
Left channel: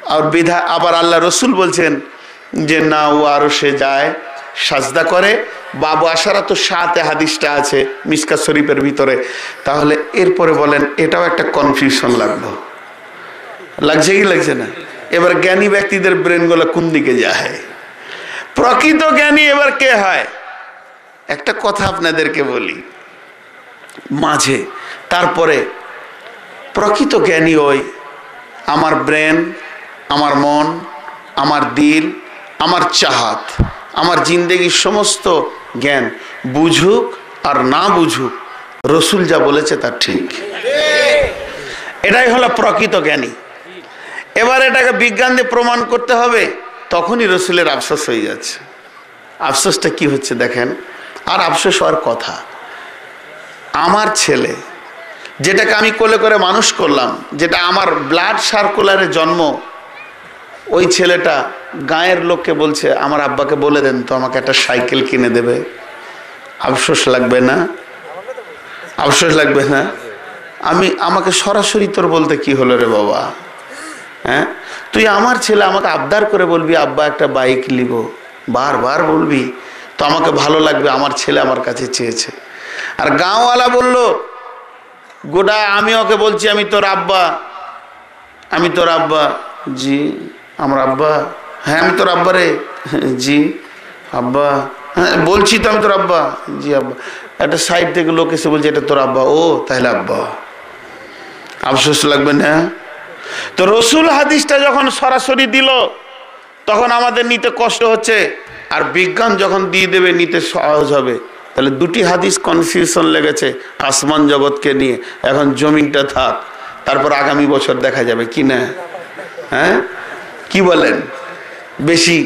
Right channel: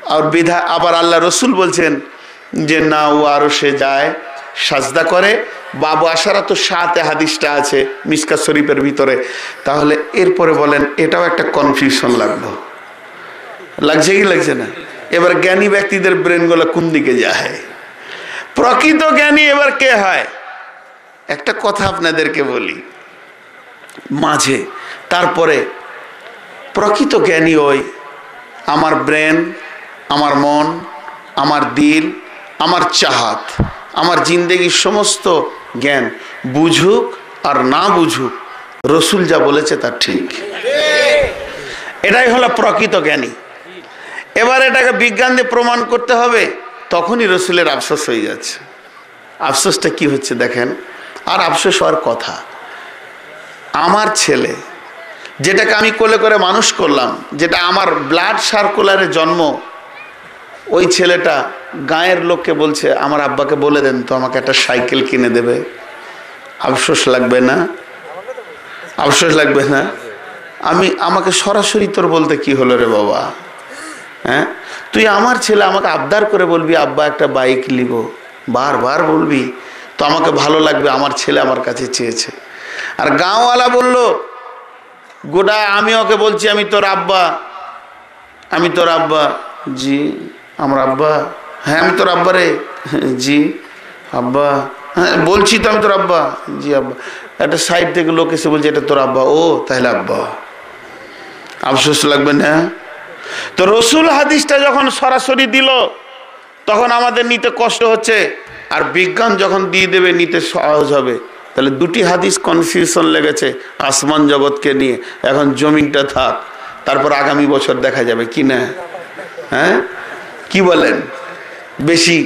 আর বিধা আবার আল্লাহ রসুল বলছেন যে না, ও আরশে যায়, সাজদা করে। বাবু আশারা তো 7 হাদিসটা আছে মিসকাত শরীফের ভিতরে। তাহলে এরপরে বলেন, এটাও একটা কনফিউশন লাগছে কি লাগছে না? এবার জ্ঞানী ব্যক্তিদের ব্রেনগুলো কোন দিকে যায়? প্রকৃত জ্ঞানী এবার কে হয়? একটা কথা আপনাদেরকে বলি মাঝে, তারপরে প্রকৃত জ্ঞানী ওই আমার ব্রেন, আমার মন, আমার দিল, আমার চাহাত, আমার জিন্দেগির সমস্ত জ্ঞান বুঝুক আর না বুঝুক, রসুল যা বলেছে তা ঠিক। এটাই হলো প্রকৃত জ্ঞানী। এবার এটাকে বিজ্ঞান দিয়ে প্রমাণ করতে হবে, তখনই রসুলের আফসোস হয়ে যাচ্ছে। আফসোসটা কি হচ্ছে দেখেন, আর আফসোস হওয়ার কথা, আমার ছেলে যেটাকে আমি কোলে করে মানুষ করলাম, যেটা আমার ব্লাড সার্কুলারে জন্ম, ওই ছেলেটা গায়ের লোককে বলছে আমার আব্বাকে বলে দেন তো আমাকে একটা সাইকেল কিনে দেবে। আফসোস লাগবে না? আফসোস লাগবে না? আমাকে সরাসরি তোর বলতে কি হলো রে বাবা? হ্যাঁ, তুই আমার ছেলে, আমাকে আবদার করে বলবি আব্বা একটা বাইক নিব, বারবার বলবি তো আমাকে ভালো লাগবে, আমার ছেলে আমার কাছে চেয়েছে। আর গাঁওয়ালা বলল গোটা, আমি ওকে বলছি আমি তোর আব্বা, আমি তোর আব্বা। জি আমার আব্বা? হ্যাঁ আমি তোর আব্বা রে। জি আব্বা? হ্যাঁ বলছি তো আমি তোর আব্বা। জি আব্বা। একটা সাইড থেকে লোক এসে বলছে এটা তোর আব্বা। ও তাহলে আব্বা। আফসোস লাগবে না? তো রসুল হাদিসটা যখন সরাসরি দিল তখন আমাদের নিতে কষ্ট হচ্ছে, আর বিজ্ঞান যখন দিয়ে দেবে নিতে সহজ হবে। তাহলে দুটি হাদিস কনফিউশন লেগেছে আসমান জগৎকে নিয়ে। এখন জমিনটা থাক, তারপর আগামী বছর দেখা যাবে কি না? হ্যাঁ কি বলেন? বেশি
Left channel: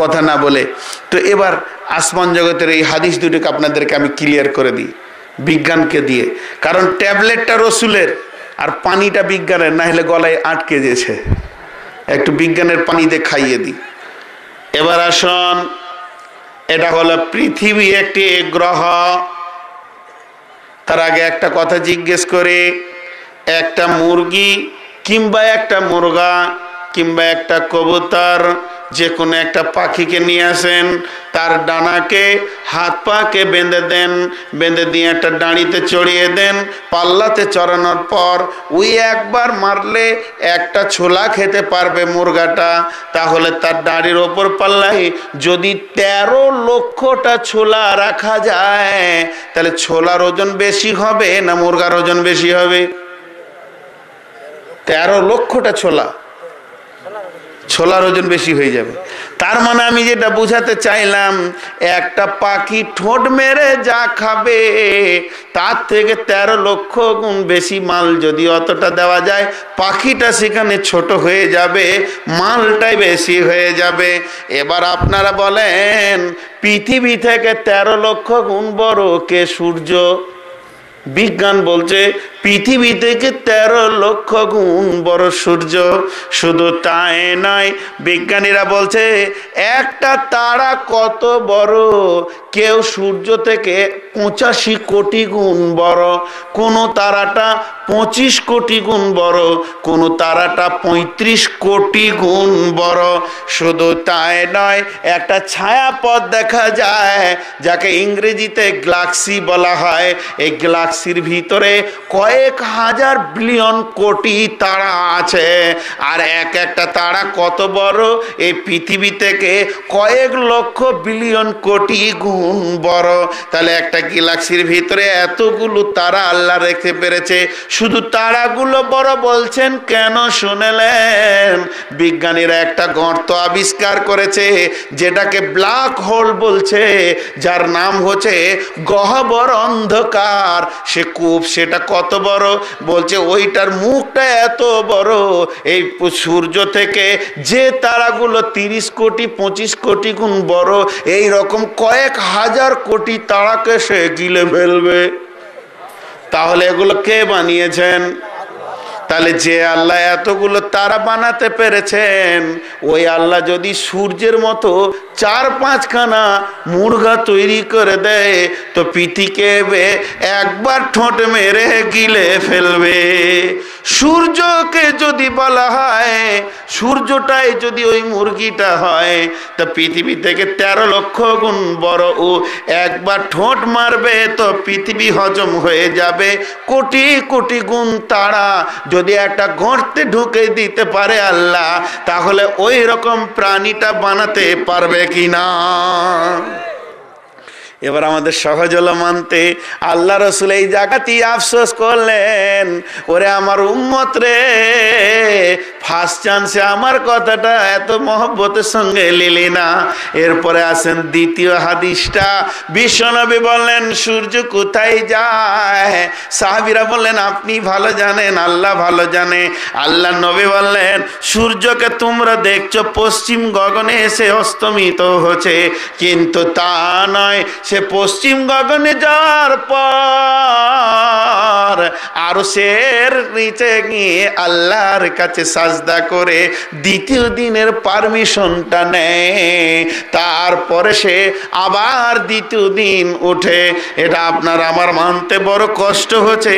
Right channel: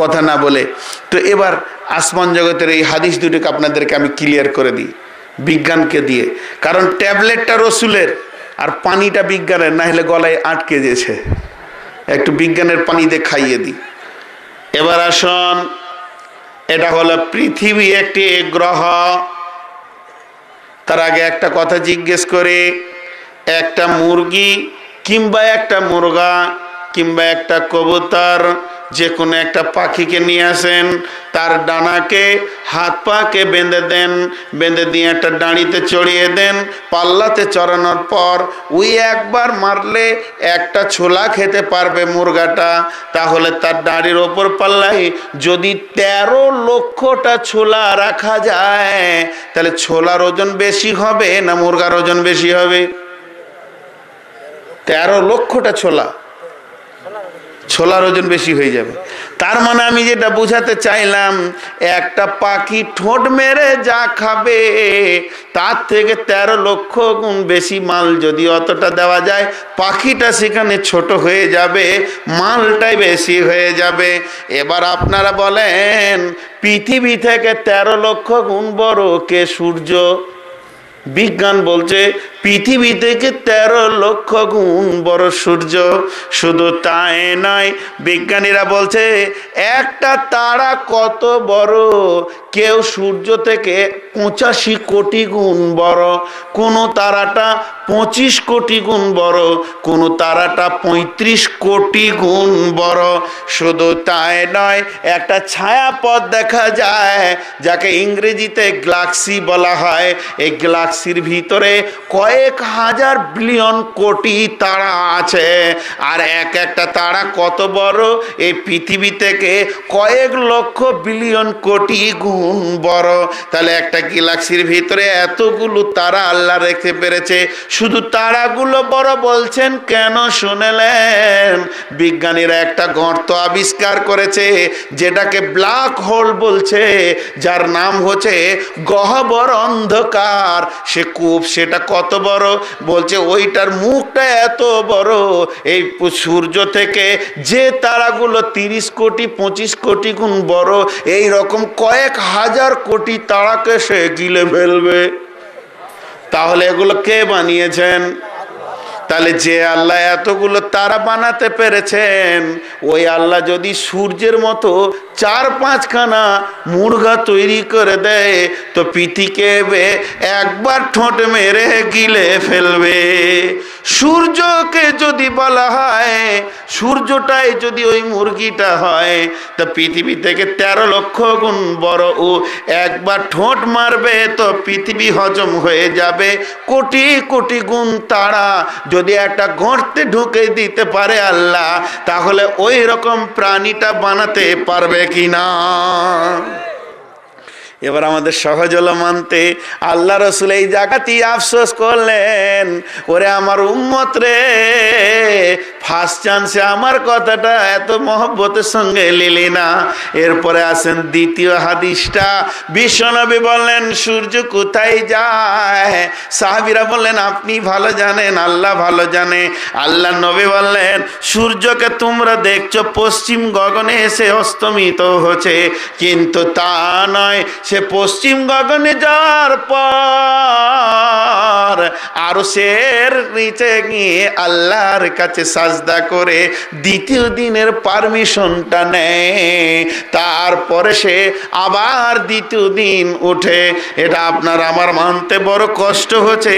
কথা না বলে তো এবার আসমান জগতের এই হাদিস দুটিকে আপনাদেরকে আমি ক্লিয়ার করে দিই বিজ্ঞানকে দিয়ে। কারণ ট্যাবলেটটা রসুলের আর পানিটা বিজ্ঞানের, না হলে গলায় আটকে যেছে। একটু বিজ্ঞানের পানি দিয়ে খাইয়ে দিই। এবার আসুন, এটা হলো পৃথিবী একটি গ্রহ। তার আগে একটা কথা জিজ্ঞেস করে, একটা মুরগি কিংবা একটা মুরগা কিংবা একটা কবুতর, যে কোনো একটা পাখিকে নিয়ে আসেন, তার ডানাকে হাত পাকে বেঁধে দেন, বেঁধে দিয়ে একটা ডাঁড়িতে চড়িয়ে দেন। পাল্লাতে চড়ানোর পর ওই একবার মারলে একটা ছোলা খেতে পারবে মুরগাটা। তাহলে তার ডাঁড়ির ওপর পাল্লায় যদি 13 লক্ষটা ছোলা রাখা যায়, তাহলে ছোলার ওজন বেশি হবে না মুরগার ওজন বেশি হবে? 13 লক্ষটা ছোলার ওজন বেশি হয়ে যাবে। তার মানে আমি যেটা বুঝাতে চাইলাম, একটা পাখি ঠোঁট মেরে যা খাবে তার থেকে 13 লক্ষ গুণ বেশি মাল যদি অতটা দেওয়া যায়, পাখিটা সেখানে ছোট হয়ে যাবে, মালটাই বেশি হয়ে যাবে। এবার আপনারা বলেন পৃথিবী থেকে 13 লক্ষ গুণ বড় কে? সূর্য। বিজ্ঞান বলছে পৃথিবী থেকে 13 লক্ষ গুণ বড় সূর্য। শুধু তাই নয়, বিজ্ঞানীরা বলছে একটা তারা কত বড়, কেউ সূর্য থেকে 85 কোটি গুণ বড়, কোন তারাটা 25 কোটি গুণ বড়, কোন তারাটা 35 কোটি গুণ বড়। শুধু তাই নয়, একটা ছায়াপথ দেখা যায় যাকে ইংরেজিতে গ্যালাক্সি বলা হয়। এই গ্যালাক্সির ভিতরে কয়েক হাজার বিলিয়ন কোটি তারা আছে। আর একটা তারা কত বড়? এই পৃথিবী থেকে কয়েক লক্ষ বিলিয়ন কোটি গুণ বড়। তাহলে একটা গ্যালাক্সির ভিতরে এতগুলো তারা আল্লাহ রেখে পেরেছে। শুধু তারাগুলো বড় বলছেন কেন শুনেলেন? বিজ্ঞানীরা একটা গর্ত আবিষ্কার করেছে যেটাকে ব্ল্যাক হোল বলছে, যার নাম হচ্ছে গহ্বর অন্ধকার। সে কূপ, সেটা কত বড়? বলছে ওইটার মুখটা এত বড়, এই সূর্য থেকে যে তারাগুলো 30 কোটি 25 কোটি গুণ বড়, এই রকম কয়েক হাজার কোটি তারাকে সে গিলে ফেলবে। তাহলে এগুলো কে বানিয়েছেন? তাহলে যে আল্লাহ এতগুলো তারা বানাতে পেরেছেন, ওই আল্লাহ যদি সূর্যের মতো 4-5খানা মুরগা তৈরি করে দেয়, তো পৃথিবীকে একবার ঠোঁট মেরে গিলে ফেলবে। সূর্যকে যদি বলা হয়, সূর্যটাই যদি ওই মুরগিটা হয়, তো পৃথিবী থেকে 13 লক্ষ গুণ বড়। ও একবার ঠোঁট মারবে তো পৃথিবী হজম হয়ে যাবে। কোটি কোটি গুণ তারা যদি একটা গর্তে ঢুকে দিতে পারে আল্লাহ, তাহলে ওই রকম প্রাণীটা বানাতে পারবে কিনা? এবার আমাদের সহজ হলো মানতে। আল্লাহ রসুল এই জায়গাতেই আফসোস করলেন, ওরে আমার উম্মত রে, ফার্স্ট চান্সে আমার কথাটা এত মহব্বতের সঙ্গে লিলি না। এরপরে আসেন দ্বিতীয় হাদিসটা। বিশ্বনবী বললেন সূর্য কোথায় যায়? সাহাবীরা বললেন আপনি ভালো জানেন, আল্লাহ ভালো জানে। আল্লাহ নবী বললেন সূর্যকে তোমরা দেখছো পশ্চিম গগনে এসে অস্তমিত হচ্ছে, কিন্তু তা নয়, সে পশ্চিম গগনে যাওয়ার পর আরশের নিচে গিয়ে আল্লাহর কাছে সাজদা করে দ্বিতীয় দিনের পারমিশনটা নেয়, তারপরে সে আবার দ্বিতীয় দিন উঠে। এটা আপনার আমার মানতে বড় কষ্ট হচ্ছে,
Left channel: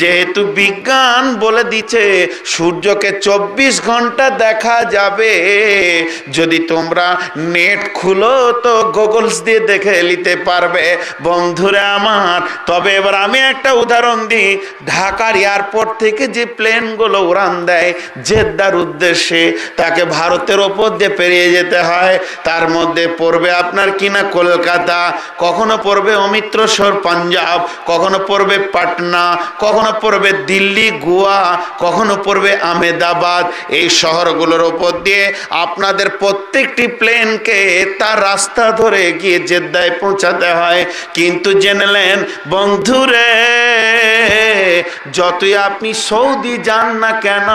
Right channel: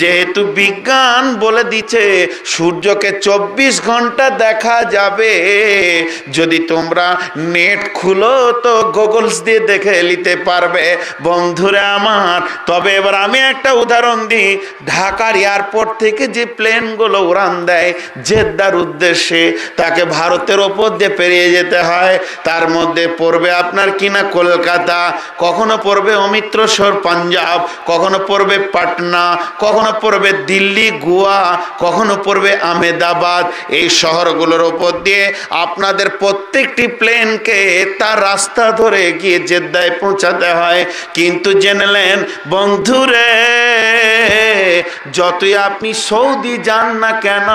যেহেতু বিজ্ঞান বলে দিচ্ছে সূর্যকে 24 ঘন্টা দেখা যাবে। যদি তোমরা নেট খুলো তো গুগলস দিয়ে দেখে নিতে পারবে বন্ধুরা আমার। তবে এবার আমি একটা উদাহরণ দিই। ঢাকার এয়ারপোর্ট থেকে যে প্লেনগুলো উড়ান দেয় জেদ্দার উদ্দেশ্যে, তাকে ভারতের ওপর দিয়ে পেরিয়ে যেতে হয়। তার মধ্যে পড়বে আপনার কিনা কলকাতা, কখনো পড়বে অমৃতসর পাঞ্জাব, কখনো পড়বে পাটনা, কখনো পড়বে দিল্লি গোয়া, কখনো পড়বে আহমেদাবাদ। এই শহরগুলোর ওপর দিয়ে আপনাদের প্রত্যেকটি প্লেনকে তার রাস্তা ধরে গিয়ে জেদ্দায় পৌঁছাতে হয়। কিন্তু জেনেলেন বন্ধুরে, যতই আপনি সৌদি যান না কেন,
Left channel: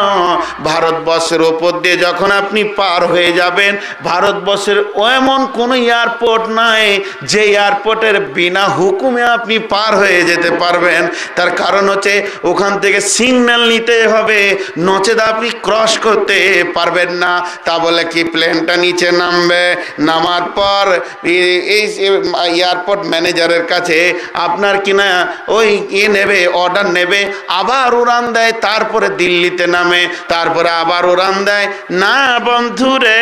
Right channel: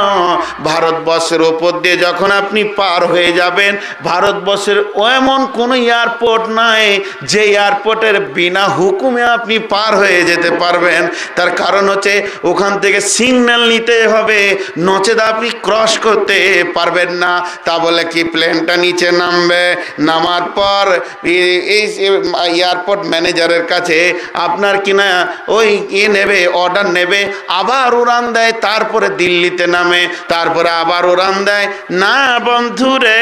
ভারতবর্ষের ওপর দিয়ে যখন আপনি পার হয়ে যাবেন, ভারতবর্ষের এমন কোনো এয়ারপোর্ট নাই যে এয়ারপোর্টের বিনা হুকুমে আপনি পার হয়ে যেতে পারবেন। তার কারণ হচ্ছে ওখান থেকে সিগন্যাল নিতে হবে, নচেত আপনি ক্রস করতে পারবেন না। তা বলে কি প্লেনটা নিচে নামবে, নামার পর এই এয়ারপোর্ট ম্যানেজারের কাছে আপনার কিনা ওই নেবে, অর্ডার নেবে, আবার উড়ান দেয়, তারপরে দিল্লিতে নামে, তারপরে আবার উড়ান দেয় না বন্ধুরে,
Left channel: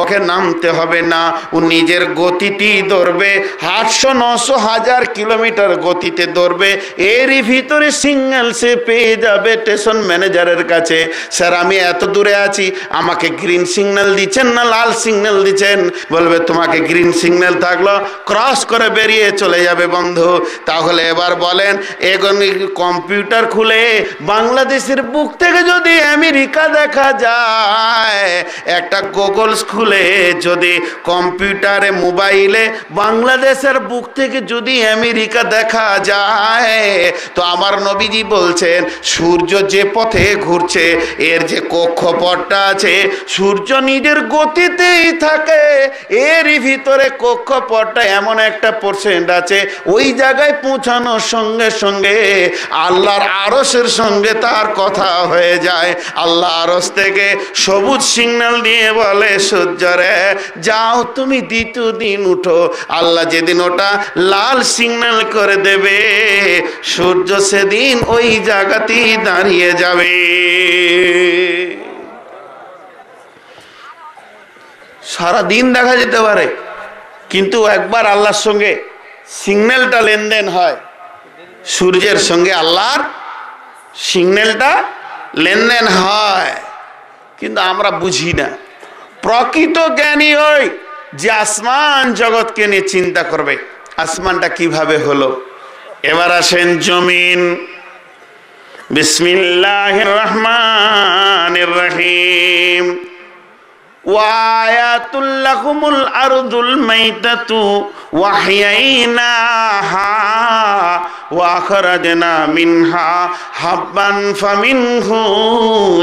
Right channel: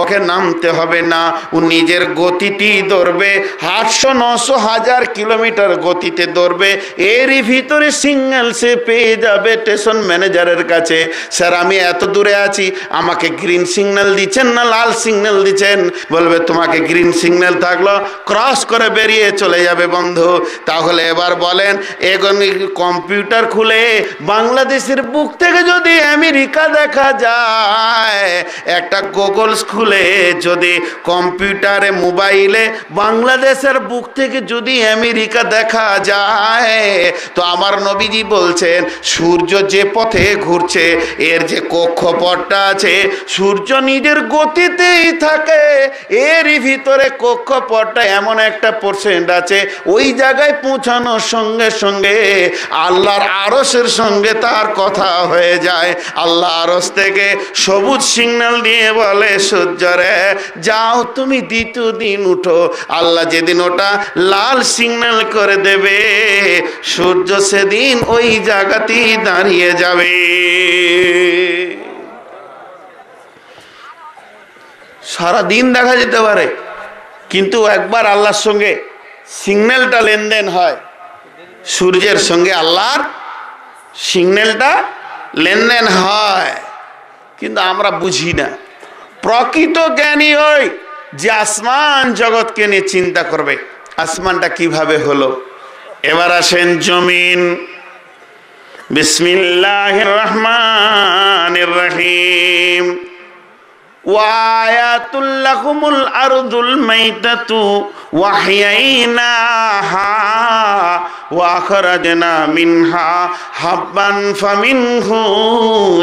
ওকে নামতে হবে না। ও নিজের গতিতেই দৌড়বে, 800-900 কিলোমিটার গতিতে দৌড়বে। এরই ভিতরে সিগন্যাল সে পেয়ে যাবে স্টেশন ম্যানেজারের কাছে, স্যার আমি এত দূরে আছি, আমাকে গ্রিন সিগন্যাল দিচ্ছেন না লাল সিগন্যাল দিচ্ছেন? বলবে তোমাকে গ্রিন সিগন্যাল থাকলো, ক্রস করে বেরিয়ে চলে যাবে বন্ধু। তাহলে এবার বলেন, এখন কম্পিউটার খুলে বাংলাদেশের বুক থেকে যদি আমেরিকা দেখা যায়, একটা গুগলস খুলে যদি কম্পিউটারে মোবাইলে বাংলাদেশের বুক থেকে যদি আমেরিকা দেখা যায়, তো আমার নবীজি বলছেন সূর্য যে পথে ঘুরছে এর যে কক্ষপথটা আছে, সূর্য নিজের গতিতেই থাকে, এরই ভিতরে কক্ষপথটা এমন একটা পার্সেন্ট আছে, ওই জায়গায় পৌঁছানোর সঙ্গে সঙ্গে আল্লাহর আরশের সঙ্গে তার কথা হয়ে যায়। আল্লাহ আরশ থেকে সবুজ সিগন্যাল দিয়ে বলে সূর্যরে যাও তুমি দ্বিতীয় দিন উঠো। আল্লাহ যেদিন ওটা লাল সিগন্যাল করে দেবে, সূর্য সেদিন ওই জায়গাতেই দাঁড়িয়ে যাবে। সারা দিন দেখা যেতে পারে, কিন্তু একবার আল্লাহর সঙ্গে সিগন্যালটা লেনদেন হয়, সূর্যের সঙ্গে আল্লাহর সিগন্যালটা লেনদেন হয়, কিন্তু আমরা বুঝি না। প্রকৃত জ্ঞানী ওই যে আসমান জগৎকে নিয়ে চিন্তা করবে, আসমানটা কিভাবে হলো। এবার আসেন জমিন। বিসমিল্লাহির রহমানির রহিম। ওয়ায়াতুল লাকুমুল আরদুল মাইতাতু ওয়াহইয়াইনাহা ওয়া আখরাজনা মিনহা হাব্বান ফামিনহু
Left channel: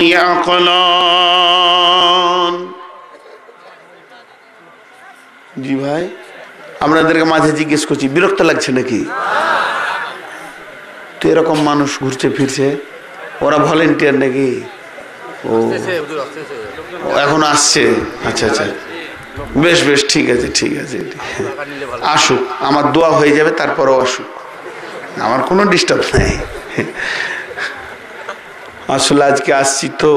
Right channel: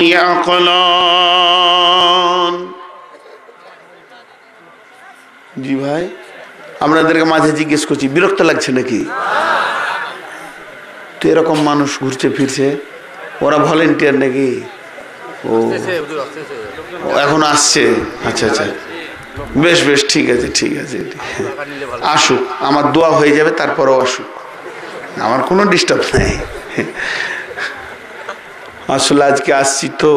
ইয়াকুলুন। জি ভাই, আপনাদেরকে মাঝে জিজ্ঞেস করছি, বিরক্ত লাগছে নাকি? তো এরকম মানুষ ঘুরছে ফিরছে, ওরা ভলেন্টিয়ার নাকি? ও এখন আসছে, আচ্ছা আচ্ছা, বেশ বেশ, ঠিক আছে ঠিক আছে, আসুক, আমার দোয়া হয়ে যাবে, তারপরও আসুক, আমার কোনো ডিস্টার্ব নাই। আসলে আজকে আসছি তো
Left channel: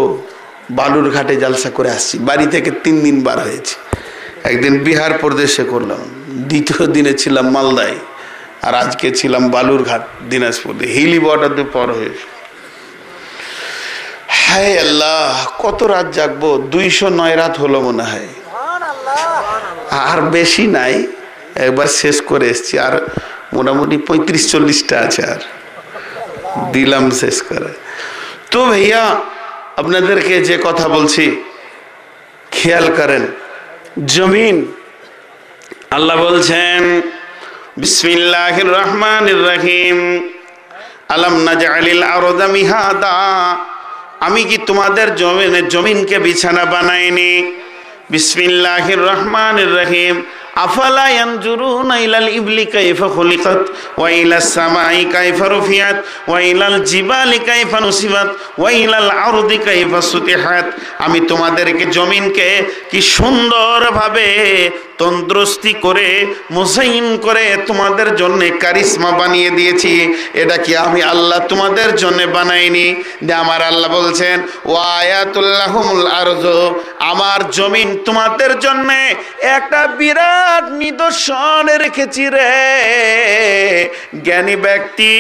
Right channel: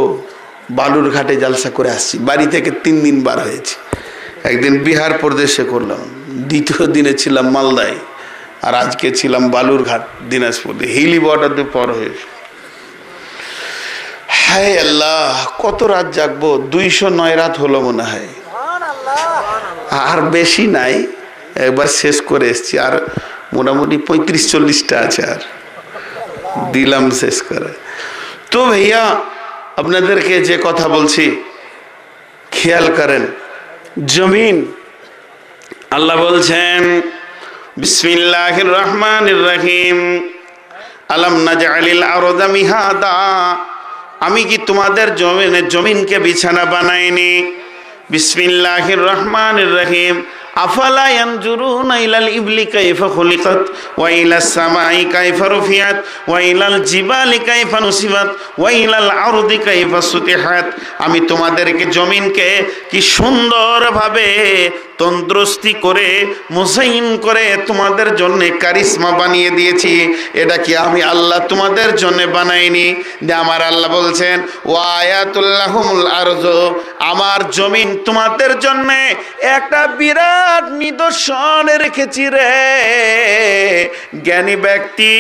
বালুরঘাটে জালসা করে আসছি, বাড়ি থেকে 3 দিন বার হয়েছে। একদিন বিহার প্রদেশে করলাম, দ্বিতীয় দিনে ছিলাম মালদায়, আর আজকে ছিলাম বালুরঘাট দিনাজপুরে, হিলি বর্ডার দিয়ে পর হয়েছে। হায় আল্লাহ, কত রাত জাগবো? 209 রাত হলো মনে হয়, আর বেশি নাই, একবার শেষ করে এসছি, আর মোটামুটি 35-40টা আছে, আর দিলাম শেষ করে। তো ভাইয়া আপনাদেরকে যে কথা বলছি খেয়াল করেন। জমিন, আল্লাহ বলছেন বিসমিল্লাহির রহমানির রহিম, আলাম নাজআলিল আরদা মিহাদা, আমি কি তোমাদের জমিনকে বিছানা বানাইনি? বিসমিল্লাহির রহমানির রহিম, আফালা ইয়ানজুরুনা ইলাল ইবলি কাইফা খুলিকাত ওয়া ইলাস সামাই কাইফা রুফিআত ওয়া ইলাল জিবালি কাইফা নুসিবাত ওয়া ইলাল আরদি কাইফা সুতিহাত। আমি তোমাদেরকে জমিনকে কি সুন্দরভাবে তন্দ্রুস্তি করে মুসাইন করে তোমাদের জন্য কারিশমা বানিয়ে দিয়েছি। এটা কি আমি আল্লাহ তোমাদের জন্য বানাইনি? যে আমার আল্লাহ বলছেন ওয়া আয়াতুল্লাহুমুল আরযু, আমার জমিন তোমাদের জন্য একটা বিরাট নিদর্শন রেখেছি রে। জ্ঞানী ব্যক্তি,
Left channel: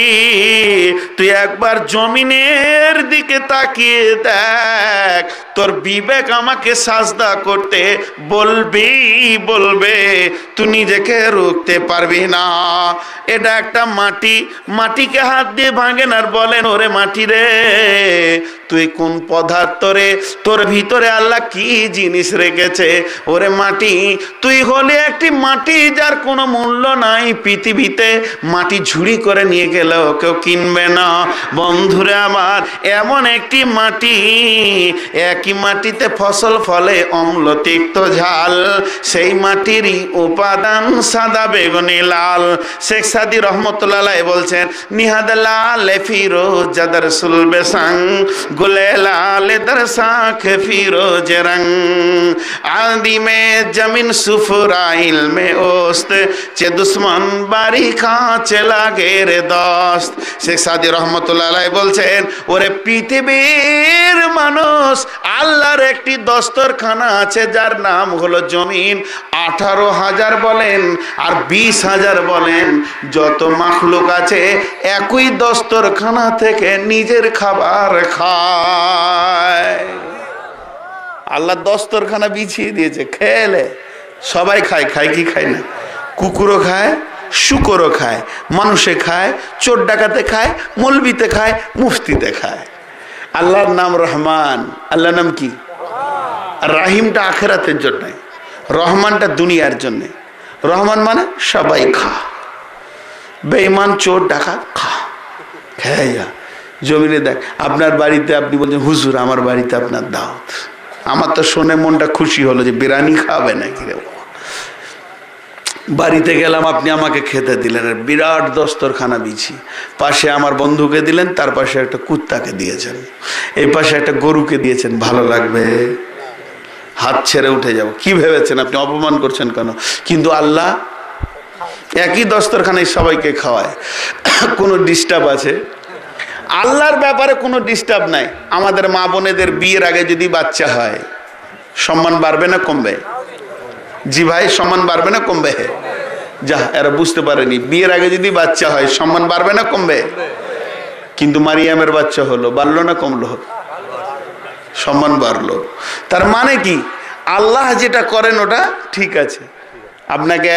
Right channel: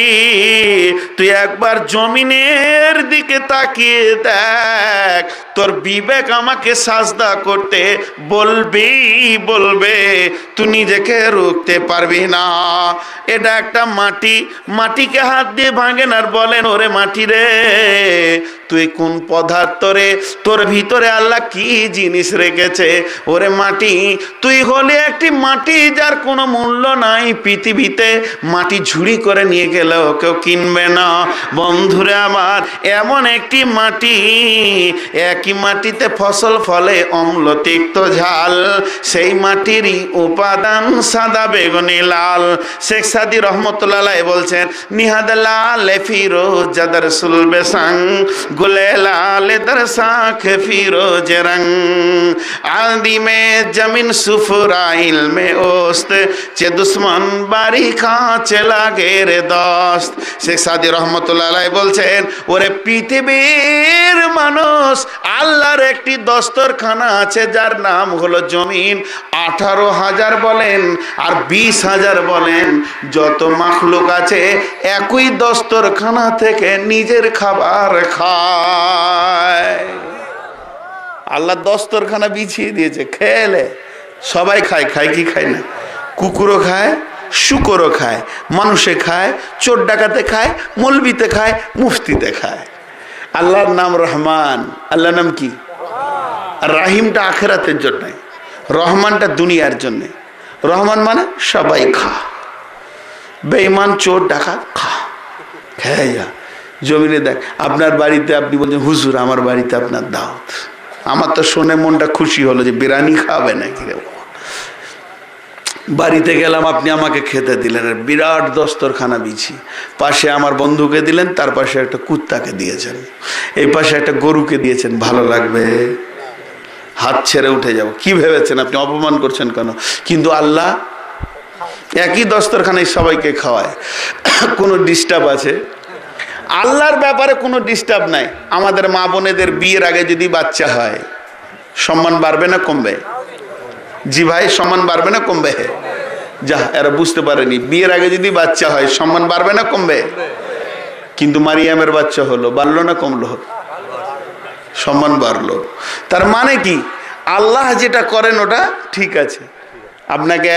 তুই একবার জমিনের দিকে তাকিয়ে দেখ, তোর বিবেক আমাকে সাজদা করতে বলবে, তুই নিজেকে রুখতে পারবি না। এটা একটা মাটি, মাটিকে হাত দিয়ে ভাঙেন আর বলেন ওরে মাটি রে, তুই কোন পদার্থ রে, তোর ভিতরে আল্লাহ কি জিনিস রেখেছে। ওরে মাটি, তুই হলে একটি মাটি যার কোনো মূল্য নাই পৃথিবীতে, মাটি ঝুড়ি করে নিয়ে গেলেও কেউ কিনবে না। বন্ধুরে আমার, এমন একটি মাটি, একই মাটিতে ফসল ফলে অম্ল তিক্ত ঝাল, সেই মাটিরই উপাদান সাদা বেগুনি লাল। শেখ সাদি রহমতুল্লাহ বলছেন নিহাদ লাল ফিরোজ জাদর সুলবে সাং গুলে লাল দরসাখ ফিরোজ রং আদি মে জমিন সুফরাইল মে ওস্ত চে দুশ্মন বাড়ি খাঁচে লাগে রে দোস্ত। শেখ সাদি রহমতুল্লাহ বলছেন ওরে পৃথিবীর মানুষ, আল্লাহর একটি দস্তরখানা আছে যার নাম হলো জমিন। 18,000 বলেন আর 20,000 বলেন, যত মাখলুক আছে একই দস্তরখানা থেকে নিজের খাবার খায়। আল্লাহ দস্তরখানা বিছিয়ে দিয়েছে, খেলে সবাই খায়। খায় কি খায় না? কুকুরও খায়, শুকরও খায়, মানুষে খায়, চোর ডাকাতে খায়, মৌলবিতে খায়, মুফতিতে খায়। আল্লাহর নাম রহমান। আল্লাহর নাম কি? রাহিমটা আখেরাতের জন্য, রহমানটা দুনিয়ার জন্য। রহমান মানে সবাই খা, বেঈমান চোর ডাকাত খা, খেয়ে যা। জমিনে দেখ, আপনার বাড়িতে আপনি বলছেন হুজুর আমার বাড়িতে আপনার দাওয়াত, আমার তো শুনে মনটা খুশি হলো যে বিরিয়ানি খাবে নাকি রে। বাড়িতে গেলাম, আপনি আমাকে খেতে দিলেন, বিরাট দস্তরখানা বিছি, পাশে আমার বন্ধুকে দিলেন, তার পাশে একটা কুত্তাকে দিয়েছেন, এই পাশে একটা গরুকে দিয়েছেন। ভালো লাগবে? হাত ছেড়ে উঠে যাব। কি ভেবেছেন আপনি? অপমান করছেন কেন? কিন্তু আল্লাহ একই দস্তরখানায় সবাইকে খাওয়ায়। কোনো ডিস্টার্ব আছে? আল্লাহর ব্যাপারে কোনো ডিস্টার্ব নাই। আমাদের মা বোনেদের বিয়ের আগে যদি বাচ্চা হয়, সম্মান বাড়বে না কমবে? জি ভাই, সম্মান বাড়বে না কমবে? যা, এরা বুঝতে পারেনি। বিয়ের আগে যদি বাচ্চা হয় সম্মান বাড়বে না কমবে? কিন্তু মারিয়ামের বাচ্চা হলো, বাড়লো না কমলো? সম্মান বাড়লো। তার মানে কি? আল্লাহ যেটা করেন ওটা ঠিক আছে। আপনাকে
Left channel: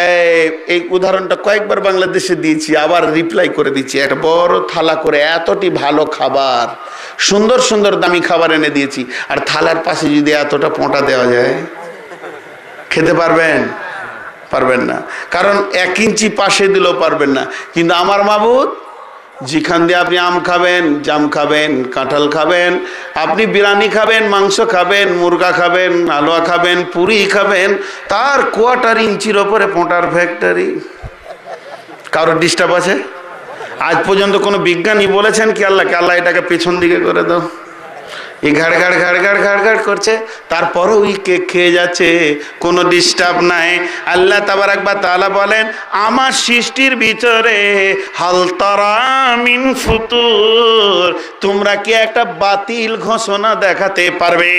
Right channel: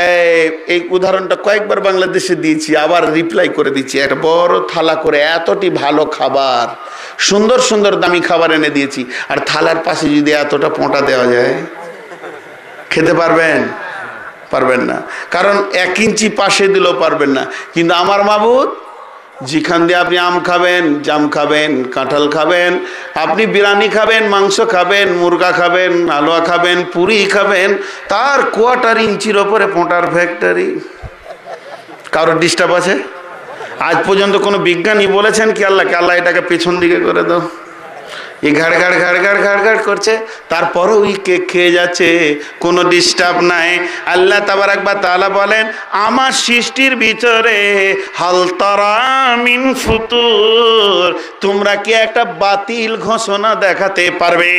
এই উদাহরণটা কয়েকবার বাংলাদেশে দিয়েছি, আবার রিপ্লাই করে দিচ্ছি। একটা বড় থালা করে এতটি ভালো খাবার, সুন্দর সুন্দর দামি খাবার এনে দিয়েছি, আর থালার পাশে যদি এতটা পোঁটা দেওয়া যায়, খেতে পারবেন? পারবেন না। কারণ 1 ইঞ্চি পাশে দিলেও পারবেন না। কিন্তু আমার মাবুদ, যেখান দিয়ে আপনি আম খাবেন, জাম খাবেন, কাঁঠাল খাবেন, আপনি বিরিয়ানি খাবেন, মাংস খাবেন, মুরগা খাবেন, হালুয়া খাবেন, পুরি খাবেন, তার 1/4 ইঞ্চির ওপরে পোঁটার ফ্যাক্টরি। কারোর ডিস্টার্ব আছে? আজ পর্যন্ত কোনো বিজ্ঞানী বলেছেন কি আল্লাহকে, আল্লাহ এটাকে পেছন দিকে করে দাও? এই ঘাড় ঘাড় ঘাড় ঘাড় ঘাড় ঘাড় করছে, তারপরও ওই কেক খেয়ে যাচ্ছে, কোনো ডিস্টার্ব নাই। আল্লাহ তাবারাক ওয়া তাআলা বলেন আমার সৃষ্টির ভিতরে হাল তারা মিন ফুতুর, তোমরা কি একটা বাতিল ঘোষণা দেখাতে পারবে?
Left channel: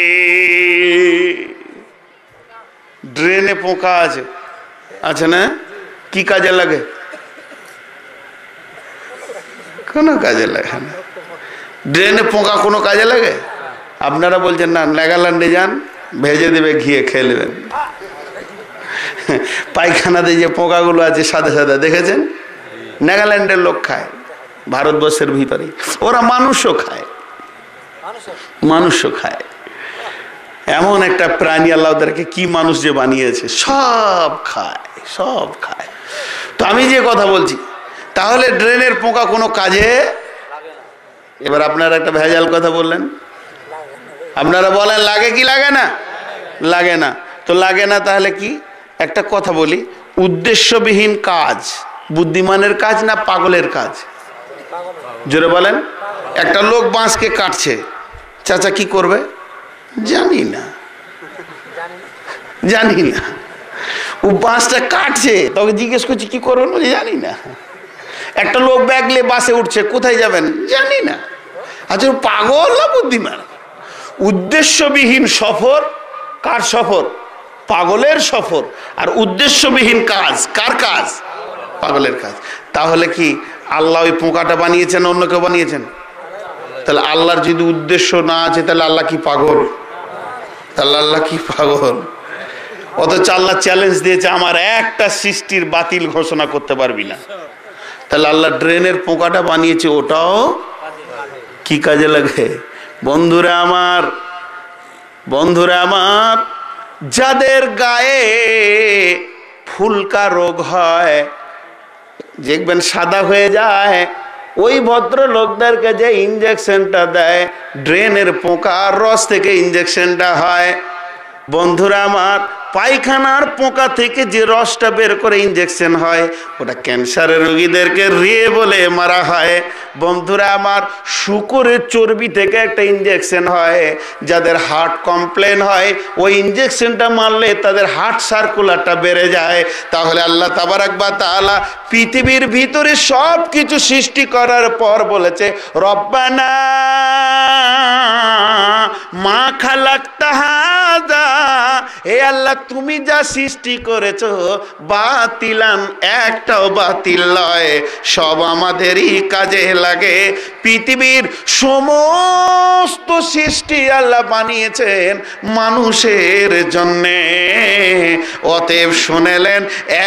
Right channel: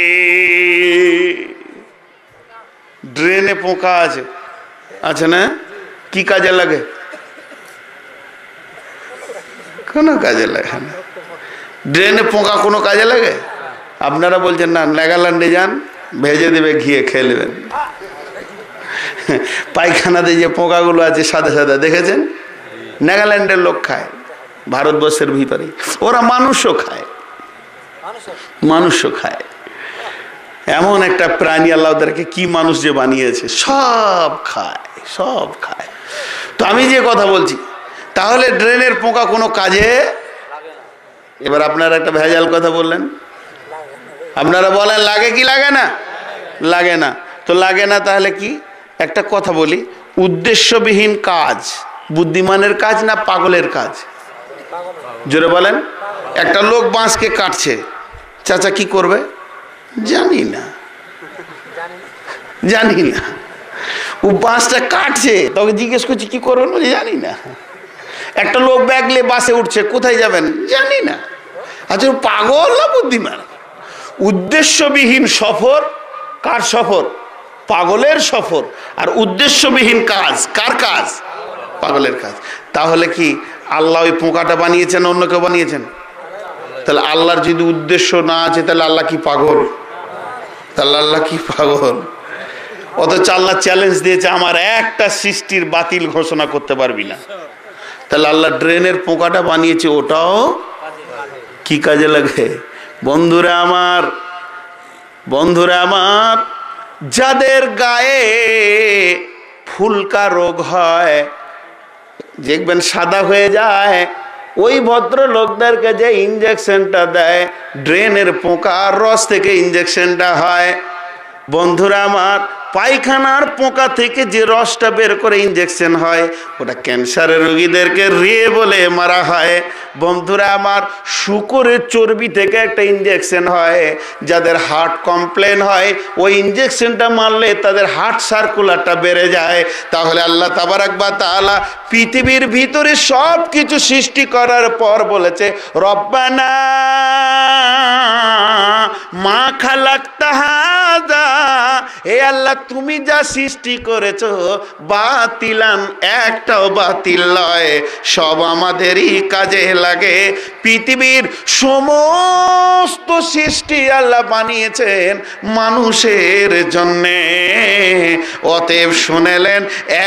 ড্রেনে পোকা আছে, আছে না? কি কাজে লাগে? কোনো কাজে লাগে না। ড্রেনে পোকা কোনো কাজে লাগে? আপনারা বলছেন না, নেগাল্যান্ডে যান, ভেজে দেবে, ঘিয়ে খেয়ে নেবেন। পায়খানাতে যে পোকাগুলো আছে সাদা সাদা, দেখেছেন? নেগাল্যান্ডের লোক খায়, ভারতবর্ষের ভিতরে ওরা মানুষও খায়। মানুষও খায়। এমন একটা প্রাণী আল্লাহ ওদেরকে কি মানুষ যে বানিয়েছে, সব খায়, সব খায়। তো আমি যে কথা বলছি, তাহলে ড্রেনের পোকা কোনো কাজে, এবার আপনারা একটা ভেজাল কথা বললেন, আপনারা বলেন লাগে কি লাগে না? লাগে না। তো লাগে না তাহলে কি? একটা কথা বলি, উদ্দেশ্যবিহীন কাজ বুদ্ধিমানের কাজ না পাগলের কাজ? জোরে বলেন। একটা লোক বাঁশকে কাটছে, চাচা কি করবে? জানি না, জানি না। ও বাঁশটা কাটছে, তোকে জিজ্ঞেস করছি কি করবেন? বলে জানি না। একটা লোক ব্যাগ নিয়ে বাসে উঠছে, কোথায় যাবেন? জানি না। আচ্ছা পাগল না বুদ্ধিমান? উদ্দেশ্যবিহীন সফর কার সফর? পাগলের সফর। আর উদ্দেশ্যবিহীন কাজ কার কাজ? পাগলের কাজ। তাহলে কি আল্লাহ ওই পোকাটা বানিয়েছেন, অন্য কেউ বানিয়েছেন? তাহলে আল্লাহর যদি উদ্দেশ্য না আছে, তাহলে আল্লাহ কি পাগল? তাহলে আল্লাহ কি পাগল? অথচ আল্লাহ চ্যালেঞ্জ দিয়েছে, আমার একটা সৃষ্টির বাতিল ঘোষণা করতে পারবি না। তাহলে আল্লাহ ড্রেনের পোকাটা বানিয়েছে, ওটাও কি কাজে লাগে? বন্ধুরা আমার, বন্ধুরা আমার, যাদের গায়ে ফুলকা রোগ হয়, দেখবেন সাদা হয়ে যায়, ওই ভদ্র লোকদেরকে যে ইঞ্জেকশনটা দেয়, ড্রেনের পোকার রস থেকে ইঞ্জেকশনটা হয়। বন্ধুরা আমার, পায়খানার পোকা থেকে যে রসটা বের করে ইঞ্জেকশন হয়, ওটা ক্যান্সারের রোগীদেরকে রে বলে মারা হয়। বন্ধুরা আমার, শুকরের চর্বি থেকে একটা ইঞ্জেকশন হয়, যাদের হার্ট কমপ্লেন হয়, ওই ইঞ্জেকশনটা মারলে তাদের হার্ট সার্কুলারটা বেড়ে যায়। তাহলে আল্লাহ তাবারাক ওয়া তাআলা পৃথিবীর ভিতরে সব কিছু সৃষ্টি করার পর বলেছে, রব্বানা মা খালাকতা হাযা, হে আল্লাহ তুমি যা সৃষ্টি করেছো বাতিলান, একটাও বাতিল নয়, সব আমাদেরই কাজে লাগে। পৃথিবীর সমস্ত সৃষ্টি আল্লাহ বানিয়েছেন মানুষের জন্যে। অতএব শুনেলেন,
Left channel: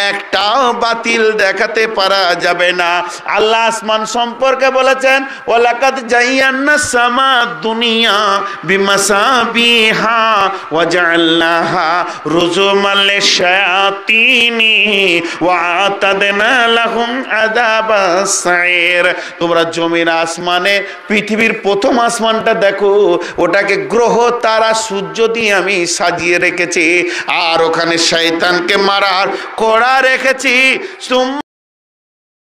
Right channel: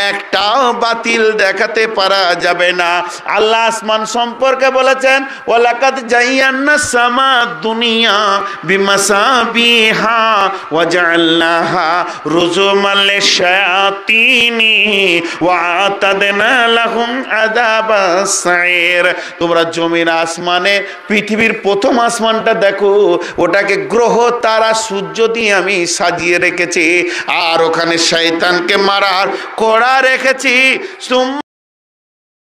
একটাও বাতিল দেখাতে পারা যাবে না। আল্লাহ আসমান সম্পর্কে বলেছেন, ওয়ালাকাদ জায়্যানাস সামা দুনিয়া বিমাসাবিহা ওয়া জাআলনাহা রুজুমান লিশ-শায়াতিনি ওয়া আতাদনা লাহুম আযাবাস সাইর। তোমরা জমিন আসমানে পৃথিবীর প্রথম আসমানটা দেখো, ওটাকে গ্রহ তারা সূর্য দিয়ে আমি সাজিয়ে রেখেছি, আর ওখানে শয়তানকে মারার কড়া রেখেছি।